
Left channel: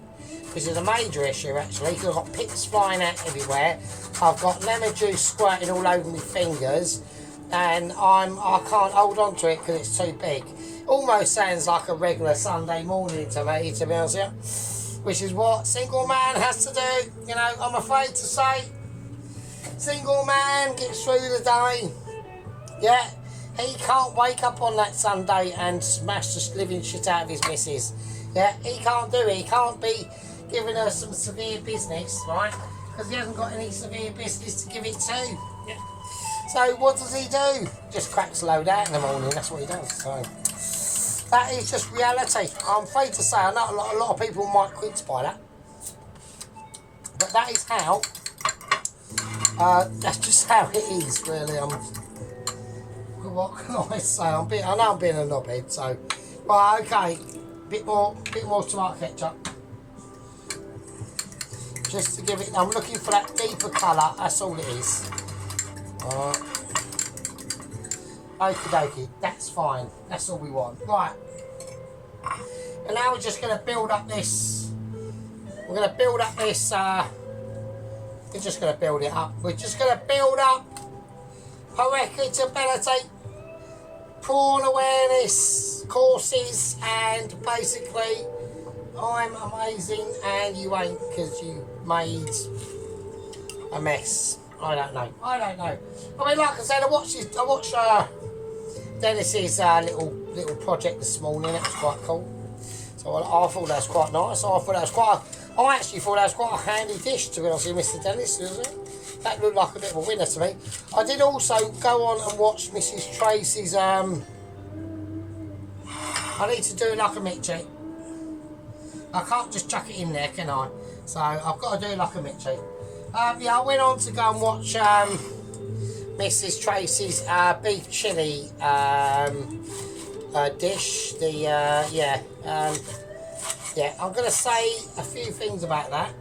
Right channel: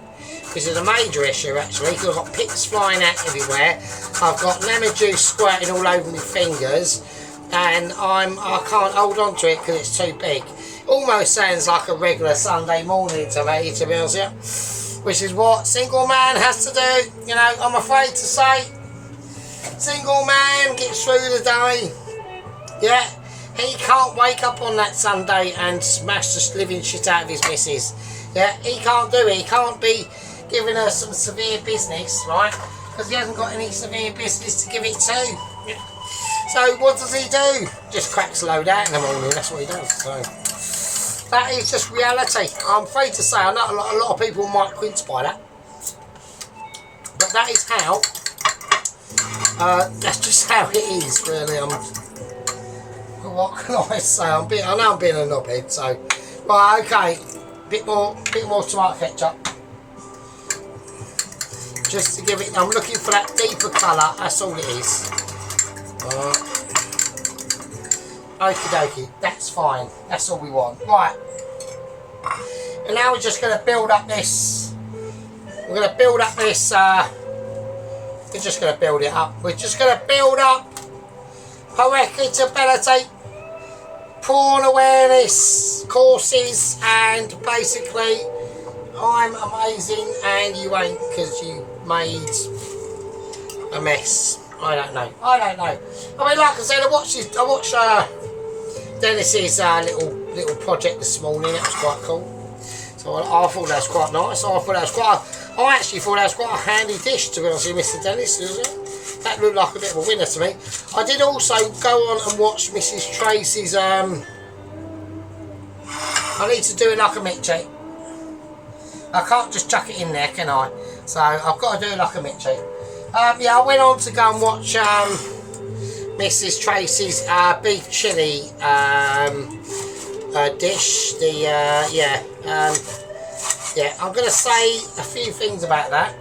This is a major issue actually, because I've got pips flying out everywhere. I've got lemon juice squirting all over my fingers, and I can't hold on to it because it's too big. Almost sounds like a regular Sunday morning to me, to be honest with you. Which is what single man has to do. You know, I'm afraid to say, single man gets through the day. Yeah. He can't wake up on that Sunday and smash the living shit out of his missus. Yeah, he can't do it. He can't be giving her some severe business, right? Because he hasn't got any severe business to give it to. Yeah. So what does he do? Just cracks a load out in the morning. That's what he does. So that is just reality. I'm afraid to say, I know a lot of people might quince by that, but that is how. That's just how it is, really. What can I say? I know I'm being a knobhead, so right, okay. Bit more tomato ketchup. Just to give it, I'm looking for that deeper colour, that's all it is. Okie dokie, that's fine. That's all we want. Right. And now we're just gonna build up this. We're gonna build up this we're just gonna build it up. We're just gonna build up poetic ability, prawn awareness courses, and basically I'm amazing and you ain't because you made a mess. I don't know. I don't know. I mean, like I said, I watched Dennis's little project this morning. That was quite cool. So I thought that was quite nice. I actually thought that was quite a handy dish, to be honest with Mr. Dennis. That looked like a bit of a winner to me. I did also go on and watch Mrs. Tracy's. I need to do it like a Mitchie. I can't just chuck it in there, can I? So I've got to do it like a Mitchie. Yeah, I went on to go and watch Mrs. Tracy's beef chilli dish. Yeah, I'm going to say a few things about that.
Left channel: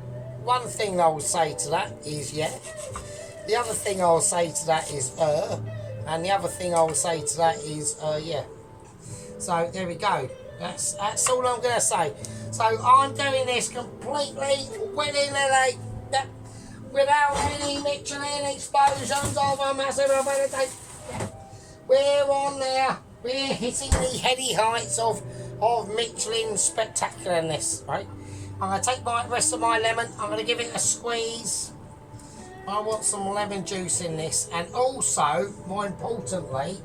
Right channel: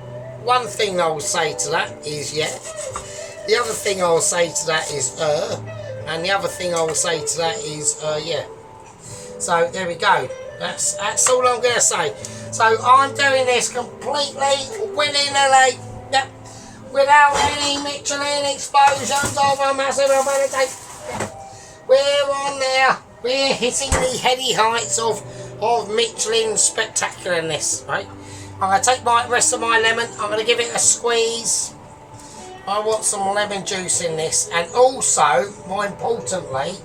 One thing I will say to that is The other thing I will say to that is and the other thing I will say to that is yeah. So there we go. That's all I'm going to say. So I'm doing this completely willy-nilly, without any Michelin explosions of a massive ability. We're on there. We're hitting the heady heights of Michelin spectacularness, right? I'm going to take the rest of my lemon. I'm going to give it a squeeze. I want some lemon juice in this, and also, more importantly,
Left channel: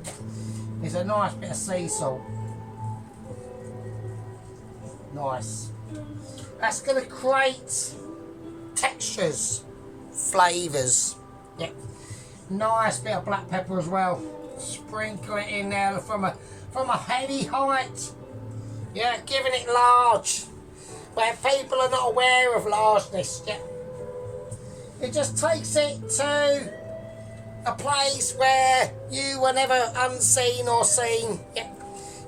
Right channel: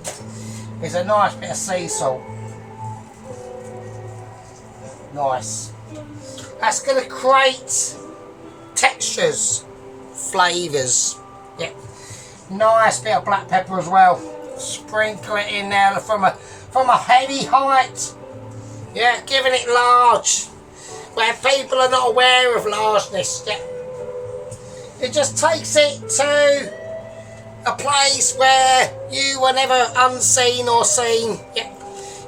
is a nice bit of sea salt. Nice. That's going to create textures, flavours. Yeah. Nice bit of black pepper as well. Sprinkle it in there from a heavy height. Yeah, giving it large, where people are not aware of largeness. Yeah. It just takes it to a place where you were never unseen or seen. Yeah.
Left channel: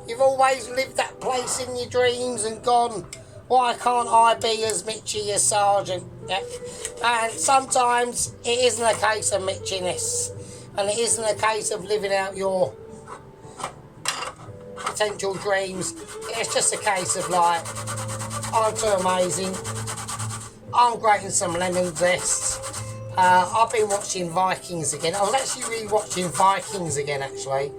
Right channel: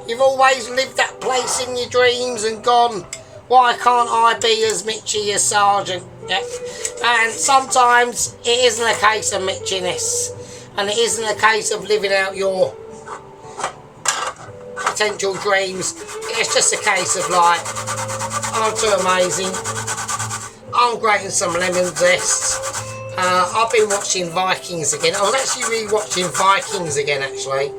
You've always lived that place in your dreams and gone, why can't I be as Mitchy as Sergeant? Yeah. And sometimes it isn't a case of Mitchiness, and it isn't a case of living out your potential dreams. It's just a case of like, I'm too amazing. I'm grating some lemon zest. I've been watching Vikings again. I was actually re-watching Vikings again, actually.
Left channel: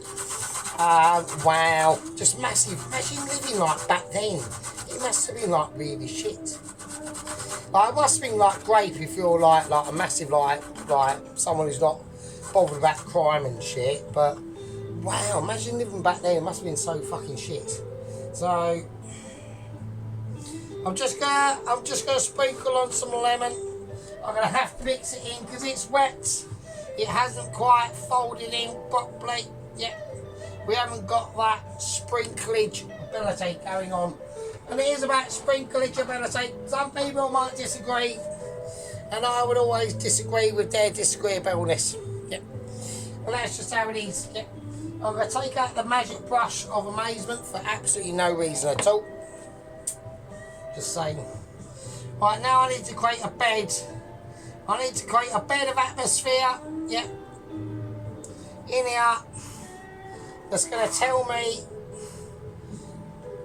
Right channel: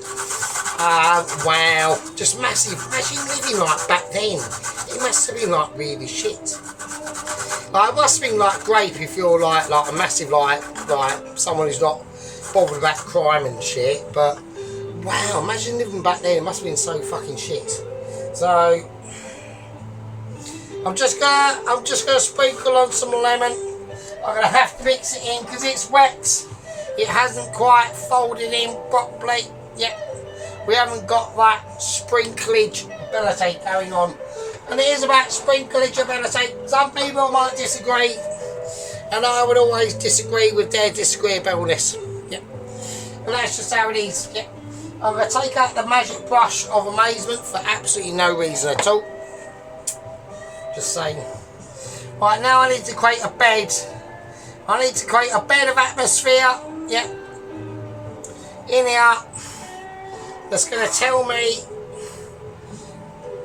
Wow, just massive. Imagine living like back then. It must have been like really shit. Like, it must have been like great if you're like a massive like someone who's not bothered about crime and shit. But wow, imagine living back then. It must have been so fucking shit. So I'm just gonna sprinkle on some lemon. I'm gonna have to mix it in because it's wet. It hasn't quite folded in properly yet. We haven't got that sprinklage ability going on. And it is about sprinklage ability. Some people might disagree, and I would always disagree with their disagreeableness. Yeah. And that's just how it is. Yeah. I'm going to take out the magic brush of amazement for absolutely no reason at all. Just saying. Right, now I need to create a bed. I need to create a bed of atmosphere. Yeah. In here. That's going to tell me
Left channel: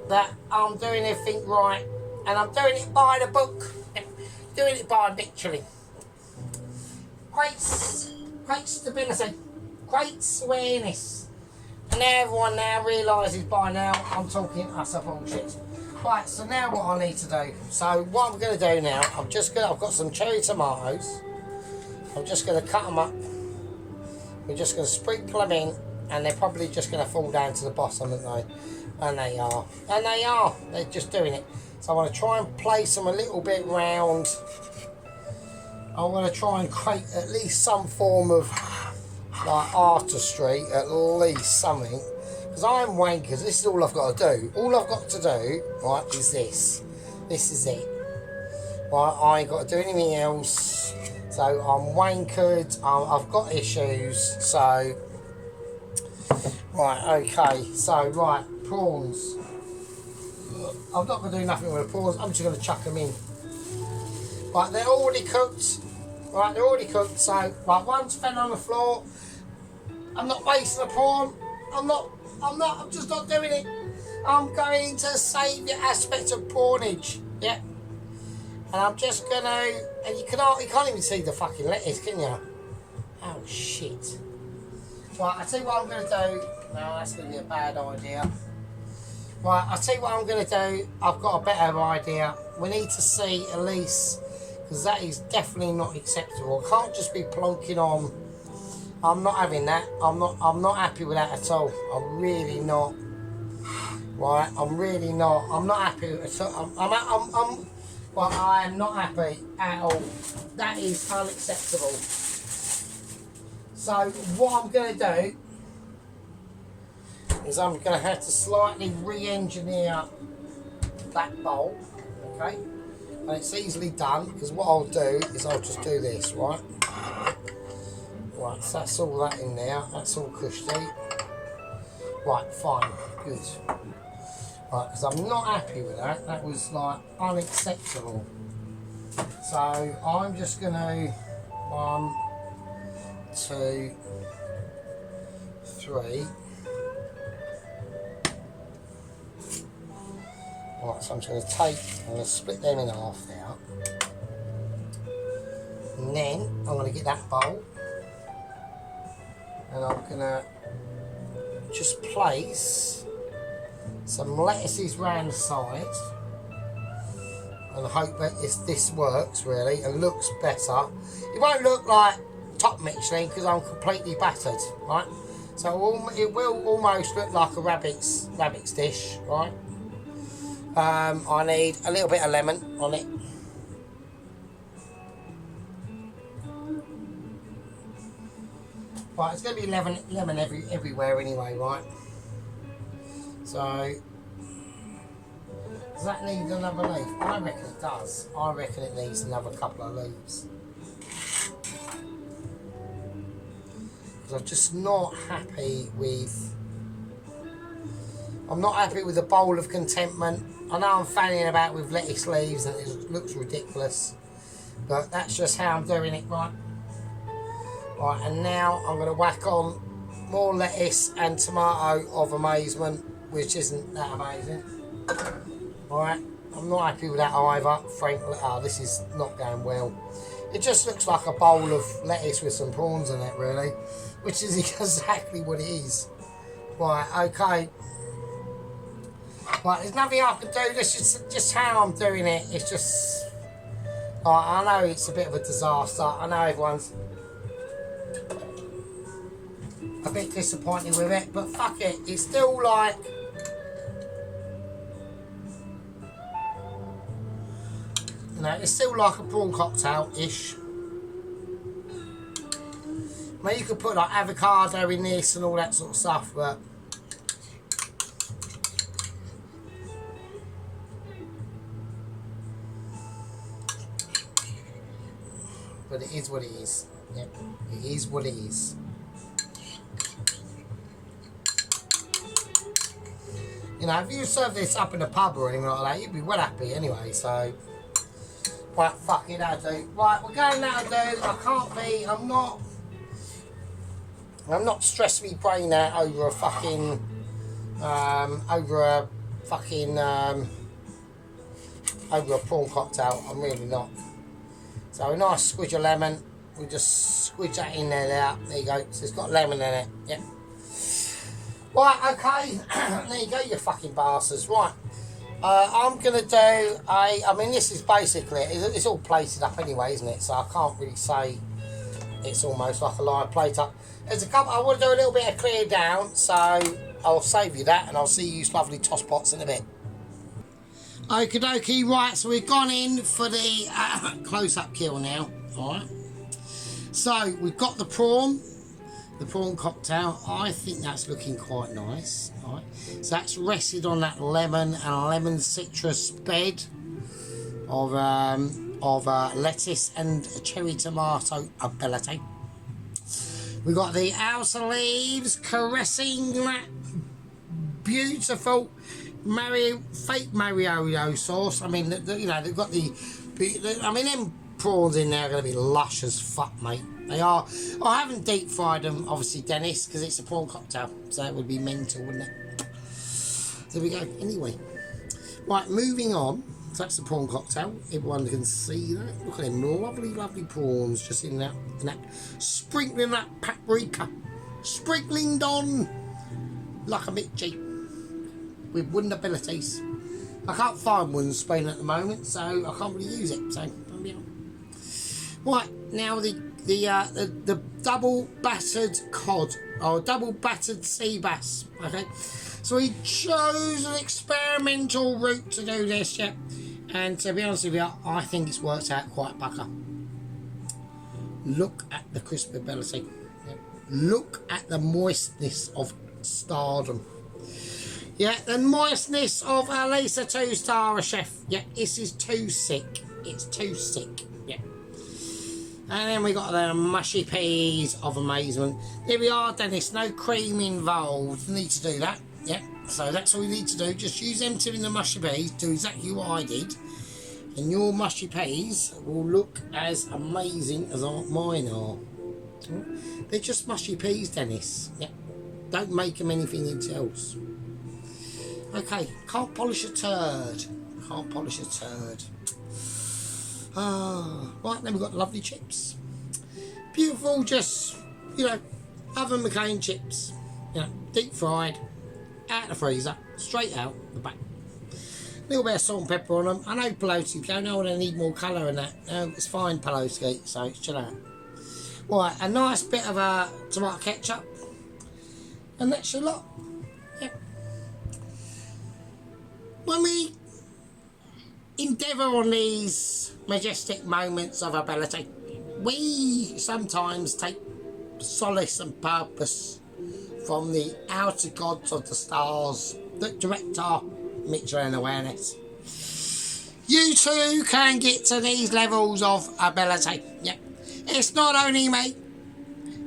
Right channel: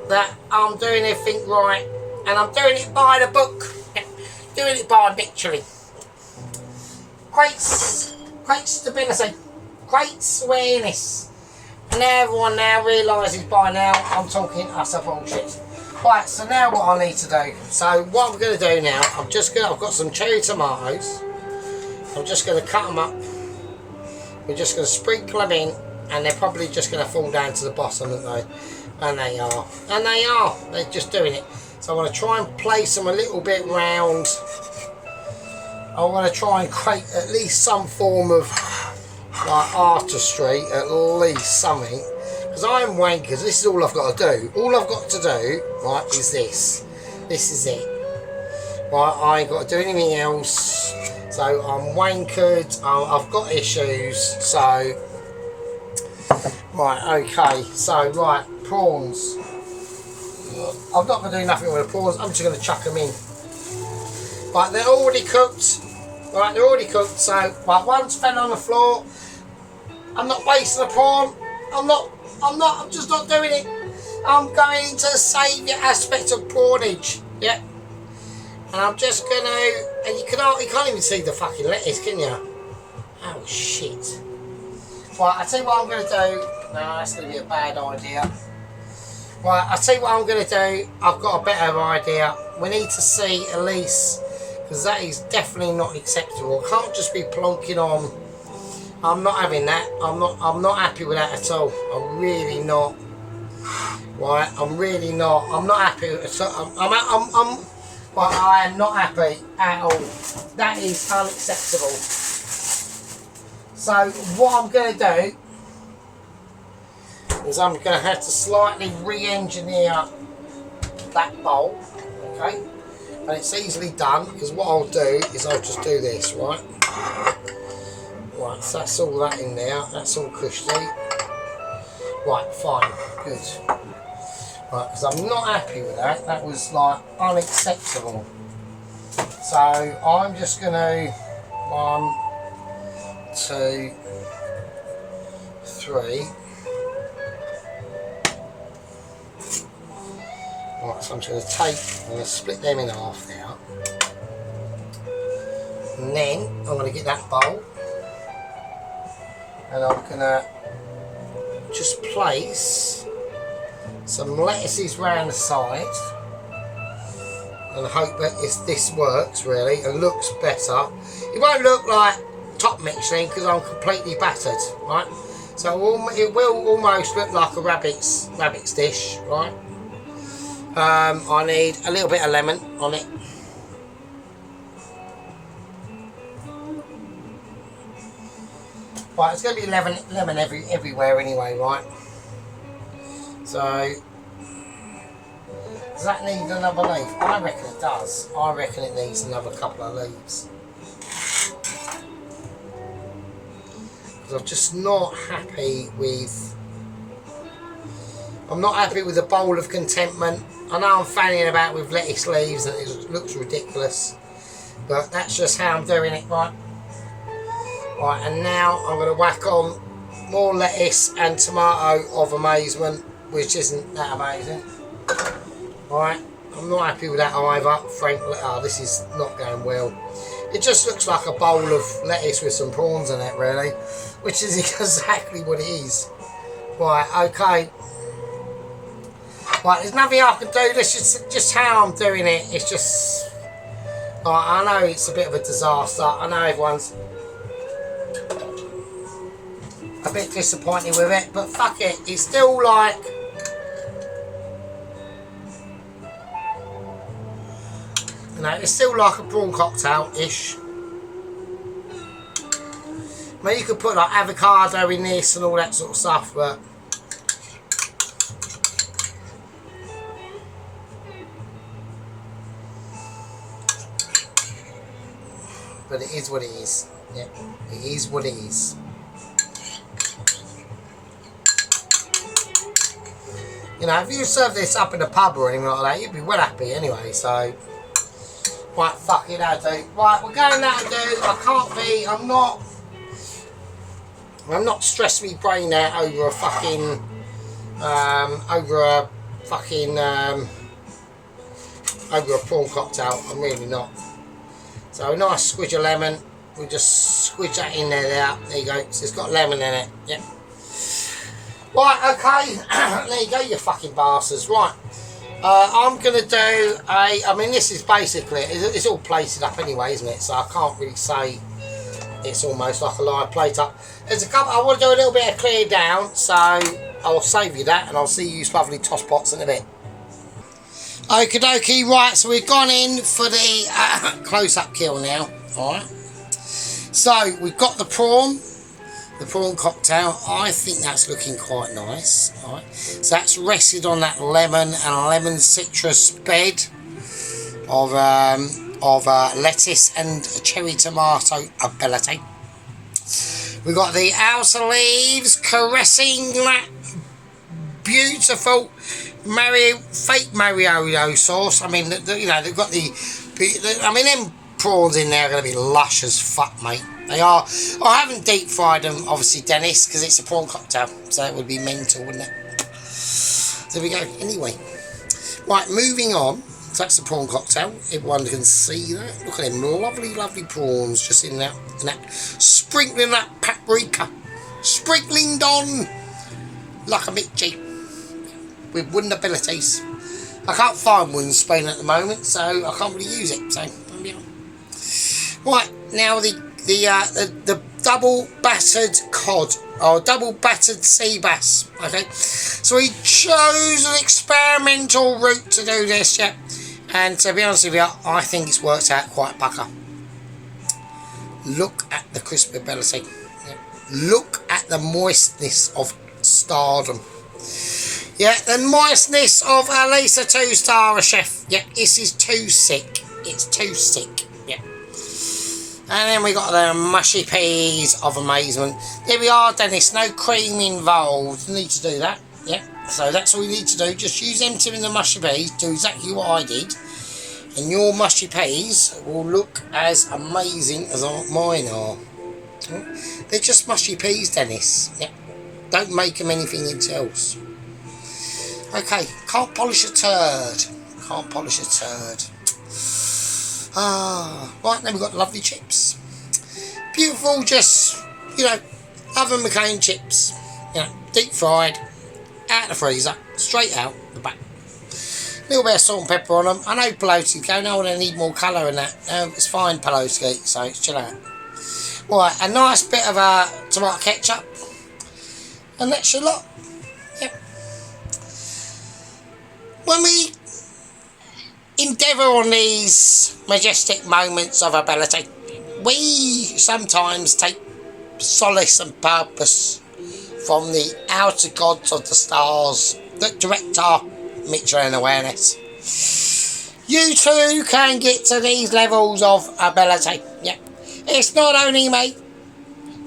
that I'm doing everything right, and I'm doing it by the book, doing it by Michelin. Great stability, great awareness, and everyone now realises by now I'm talking utter bullshit. Right, so now what I need to do. So what I'm going to do now, I've got some cherry tomatoes. I'm just going to cut them up. We're just going to sprinkle them in. And they're probably just going to fall down to the bottom, aren't they? And they are. And they are. They're just doing it. So I want to try and place them a little bit round. I want to try and create at least some form of like artistry, at least something. Because I'm wankers. This is all I've got to do. All I've got to do, right, is this. This is it. Right, I ain't got to do anything else. So I'm wankered. I've got issues. So... Right, okay, so, right, prawns. I'm not going to do nothing with the prawns, I'm just going to chuck them in. Right, they're already cooked. Right, they're already cooked, so, right, one's fell on the floor. I'm not wasting a prawn. I'm just not doing it. I'm going into the saviour aspect of prawnage, yeah. And I'm just going to, and you can't even see the fucking lettuce, can you? Oh, shit. Right, I'll tell you what I'm going to do. No, that's going to be a bad idea. Right, I'll tell you what I'm going to do. I've got a better idea. We need to see at least, because that is definitely not acceptable. I can't just be plonking on. I'm not having that. I'm not happy with that at all. I'm really not. Right, I'm really not. I'm not happy at all. But I am not happy at all. That is unacceptable. So what I'm going to do is I'm going to have to slightly re-engineer that bowl, okay? And it's easily done, because what I'll do is I'll just do this, right? Right, so that's all that in there. That's all cushy. Right, fine, good. Right, because I'm not happy with that. That was like unacceptable. So I'm just going to 1, 2, 3. Right, so I'm just going to split them in half now. And then I'm going to get that bowl. And I'm going to just place some lettuces round the side. And hope that this works really and looks better. It won't look like top Michelin because I'm completely battered, right? So it will almost look like a rabbit's dish, right? I need a little bit of lemon on it. Right, it's going to be lemon everywhere anyway, right? So, does that need another leaf? I reckon it does. I reckon it needs another couple of leaves. Because I'm just not happy with... I'm not happy with the bowl of contentment. I know I'm fanning about with lettuce leaves and it looks ridiculous. But that's just how I'm doing it, right? Right, and now I'm going to whack on more lettuce and tomato of amazement, which isn't that amazing. Right, I'm not happy with that either, frankly. Oh, this is not going well. It just looks like a bowl of lettuce with some prawns in it, really, which is exactly what it is. Right, okay. Right, there's nothing I can do. This is just how I'm doing it. It's just... Right, I know it's a bit of a disaster. I know everyone's a bit disappointed with it, but fuck it. It's still like... You know, it's still like a prawn cocktail-ish. I mean, you could put like avocado in this and all that sort of stuff, but... But it is what it is. Yeah, it is what it is. You know, if you serve this up in a pub or anything like that, you'd be well happy anyway, so... Right, fuck it, that'll do. Right, we're going that'll do. I can't be, I'm not stressing my brain out over a fucking... over a prawn cocktail. I'm really not. So a nice squidge of lemon. We just squidge that in there. There you go. So it's got lemon in it. Yep. Right, okay. There you go, you fucking bastards. Right. I'm going to do I mean, this is basically, it's all plated up anyway, isn't it? So I can't really say it's almost like a live plate up. There's a couple, I want to do a little bit of clear down, so I'll save you that and I'll see you lovely toss pots in a bit. Okie dokie, right, so we've gone in for the close-up kill now, alright. So, we've got the prawn cocktail. I think that's looking quite nice, alright. So that's rested on that lemon and lemon citrus bed of lettuce and cherry tomato ability. We've got the outer leaves caressing that beautiful fake Mario sauce. I mean, you know, they've got I mean, them prawns in there are going to be lush as fuck, mate. They are. I haven't deep fried them, obviously, Dennis, because it's a prawn cocktail, so it would be mental, wouldn't it? There we go. Anyway, right, moving on. So that's the prawn cocktail. Everyone can see that. Look at them lovely, lovely prawns just in that, sprinkling that paprika, sprinkling on like a Mitchie with wooden abilities. I can't find wooden spoon at the moment, so I can't really use it. So yeah. Right, now the double battered cod, or double battered sea bass. Okay, so he chose an experimental route to do this, yeah. And to be honest with you, I think it's worked out quite pucker. Look at the crispability. Yeah. Look at the moistness of stardom. Yeah, the moistness of at least a 2-star chef. Yeah, this is too sick. It's too sick. Yeah. And then we got the mushy peas of amazement. There we are, Dennis. No cream involved. You need to do that. Yeah. So that's all you need to do. Just use them two in the mushy peas. Do exactly what I did. And your mushy peas will look as amazing as mine are. They're just mushy peas, Dennis. Yeah. Don't make them anything else. Okay, can't polish a turd. Can't polish a turd. Right, then we've got lovely chips. Beautiful, just, you know, oven McCain chips. You know, deep fried, out of the freezer, straight out the back. A little bit of salt and pepper on them. I know Pelosi go, no, I need more colour in that. It's fine, Pelosi, so it's chill out. Right, a nice bit of tomato ketchup. And that's your lot. Yep. When we endeavour on these majestic moments of ability, we sometimes take solace and purpose from the outer gods of the stars that direct our Michelin awareness. You too can get to these levels of ability. Yeah, it's not only me.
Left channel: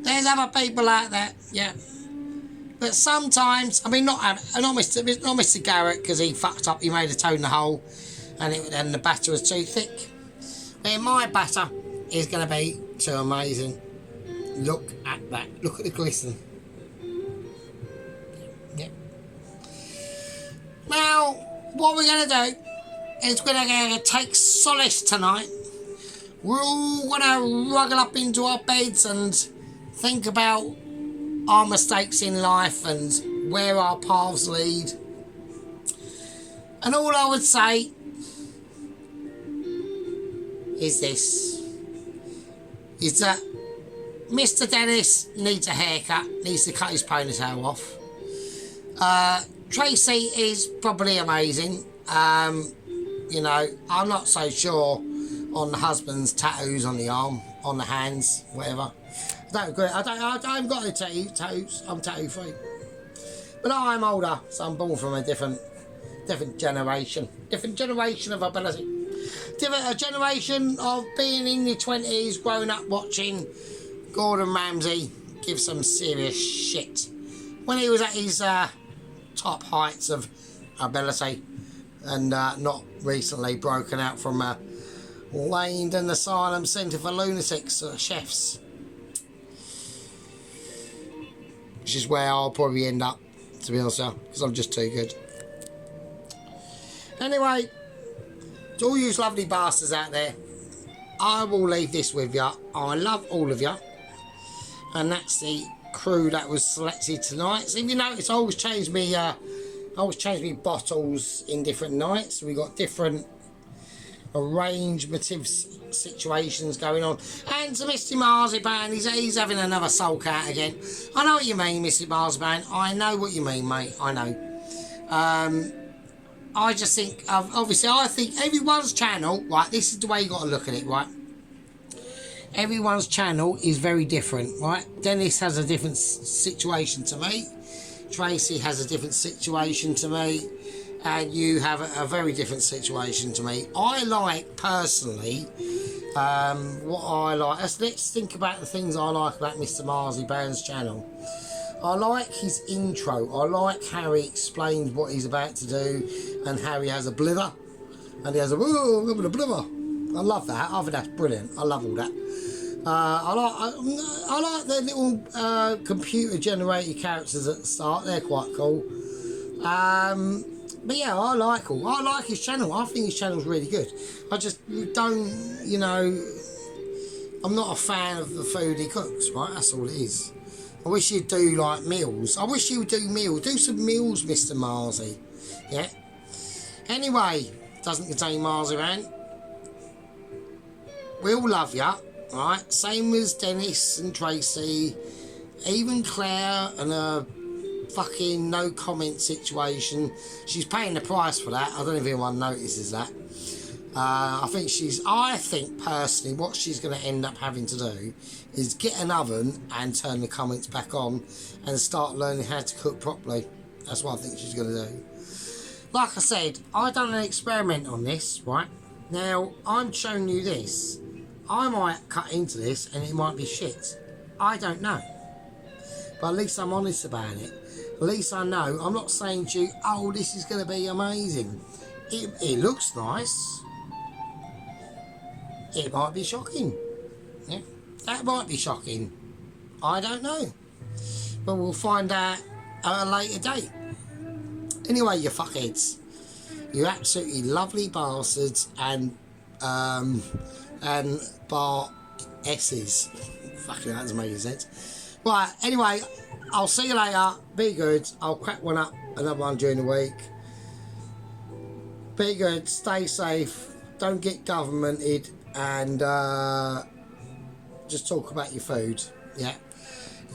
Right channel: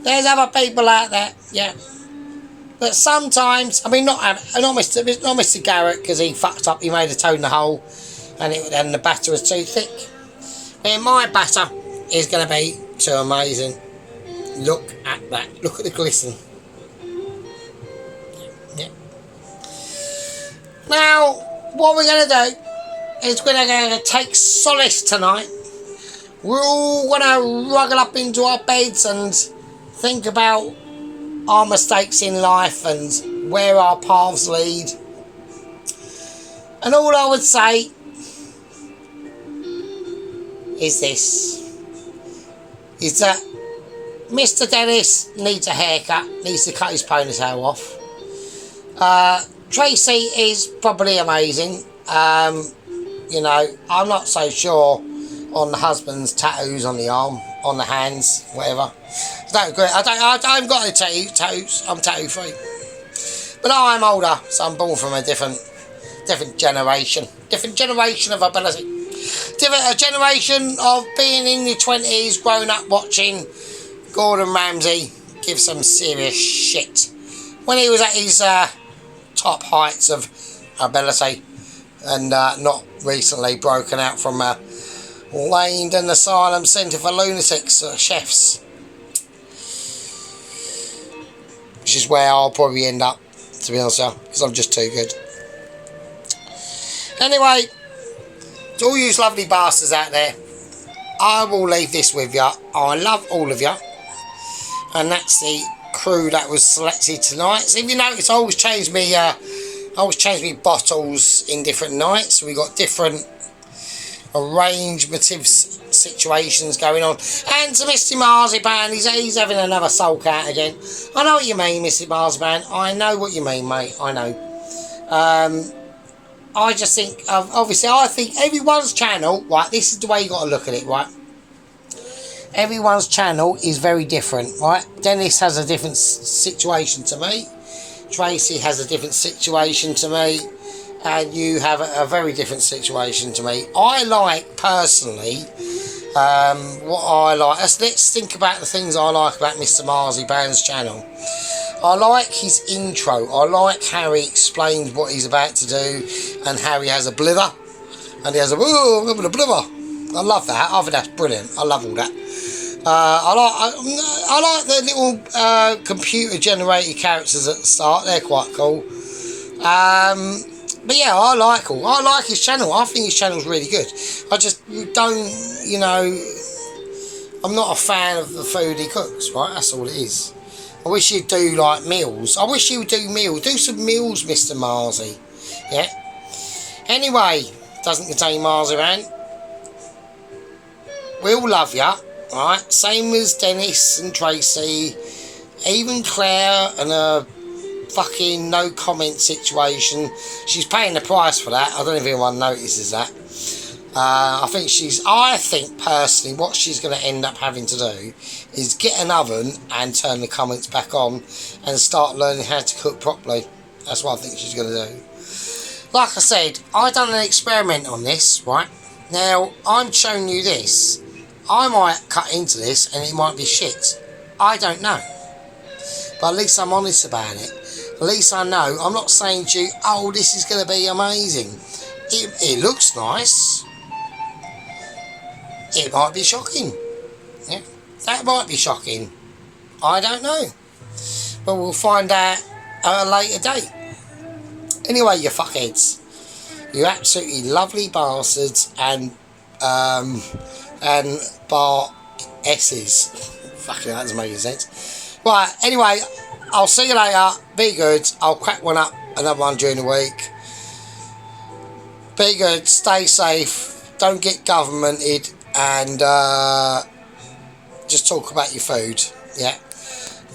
There's other people out there. Yeah. But sometimes, I mean, not Mr. Garrett, because he fucked up. He made a toe in the hole, and the batter was too thick. And my batter is going to be too amazing. Look at that. Look at the glisten. Yeah. Now, what we're going to do is we're going to take solace tonight. We're all going to wriggle up into our beds and think about our mistakes in life and where our paths lead. And all I would say is this, is that Mr. Dennis needs a haircut, needs to cut his ponytail off. Tracy is probably amazing. You know, I'm not so sure on the husband's tattoos on the arm, on the hands, whatever. I haven't got any tattoos. I'm tattoo free. But I'm older, so I'm born from a different generation. Different generation of ability. A generation of being in your 20s, grown up watching Gordon Ramsay give some serious shit. When he was at his top heights of ability and not recently broken out from a Langdon Asylum Centre for Lunatics chefs. Which is where I'll probably end up, to be honest, because I'm just too good. Anyway, to all you lovely bastards out there, I will leave this with you. I love all of you. And that's the crew that was selected tonight. So if you notice, I always change me bottles in different nights. We got different arrangements situations going on. And to Mr. Marzipan, he's having another sulk out again. I know what you mean, Mr. Marzipan. I know what you mean, mate. I know. I just think, obviously, I think everyone's channel, right, this is the way you got to look at it, right? Everyone's channel is very different, right? Dennis has a different situation to me. Tracy has a different situation to me. And you have a very different situation to me. I like, personally, what I like. Let's think about the things I like about Mr. Marzipan's channel. I like his intro. I like how he explains what he's about to do and how he has a blither. And he has I'm having a blither. I love that. I think that's brilliant. I love all that. I like the little computer generated characters at the start. They're quite cool. But yeah, I like his channel. I think his channel's really good. I just don't, you know, I'm not a fan of the food he cooks, right? That's all it is. I wish he'd do like meals. I wish he would do meals. Do some meals, Mr. Marzi. Yeah. Anyway, doesn't contain marzipan. We all love ya. Right, same as Dennis and Tracy, even Claire and her fucking no comment situation. She's paying the price for that. I don't know if anyone notices that. I think personally what she's going to end up having to do is get an oven and turn the comments back on and start learning how to cook properly. That's what I think she's going to do. Like I said, I've done an experiment on this, right? Now, I'm showing you this. I might cut into this and it might be shit. I don't know. But at least I'm honest about it. At least I know. I'm not saying to you, oh, this is going to be amazing. It looks nice. It might be shocking. Yeah, that might be shocking. I don't know. But we'll find out at a later date. Anyway, you fuckheads. You absolutely lovely bastards and bar S's. Fucking that doesn't make any sense. Right, anyway, I'll see you later. Be good. I'll crack one up, another one during the week. Be good, stay safe, don't get governmented, and just talk about your food. Yeah,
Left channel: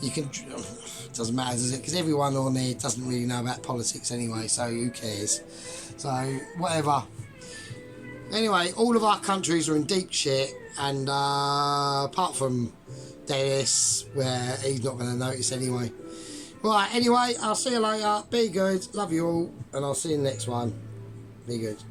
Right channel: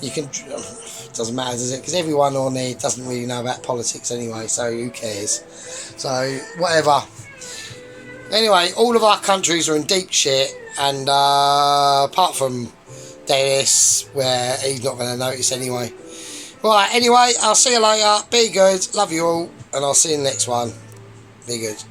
you can. Doesn't matter, does it? Because everyone on there doesn't really know about politics anyway, so who cares? So whatever. Anyway, all of our countries are in deep shit, and apart from Dennis, where he's not going to notice anyway. Right, anyway, I'll see you later. Be good, love you all, and I'll see you in the next one. Be good.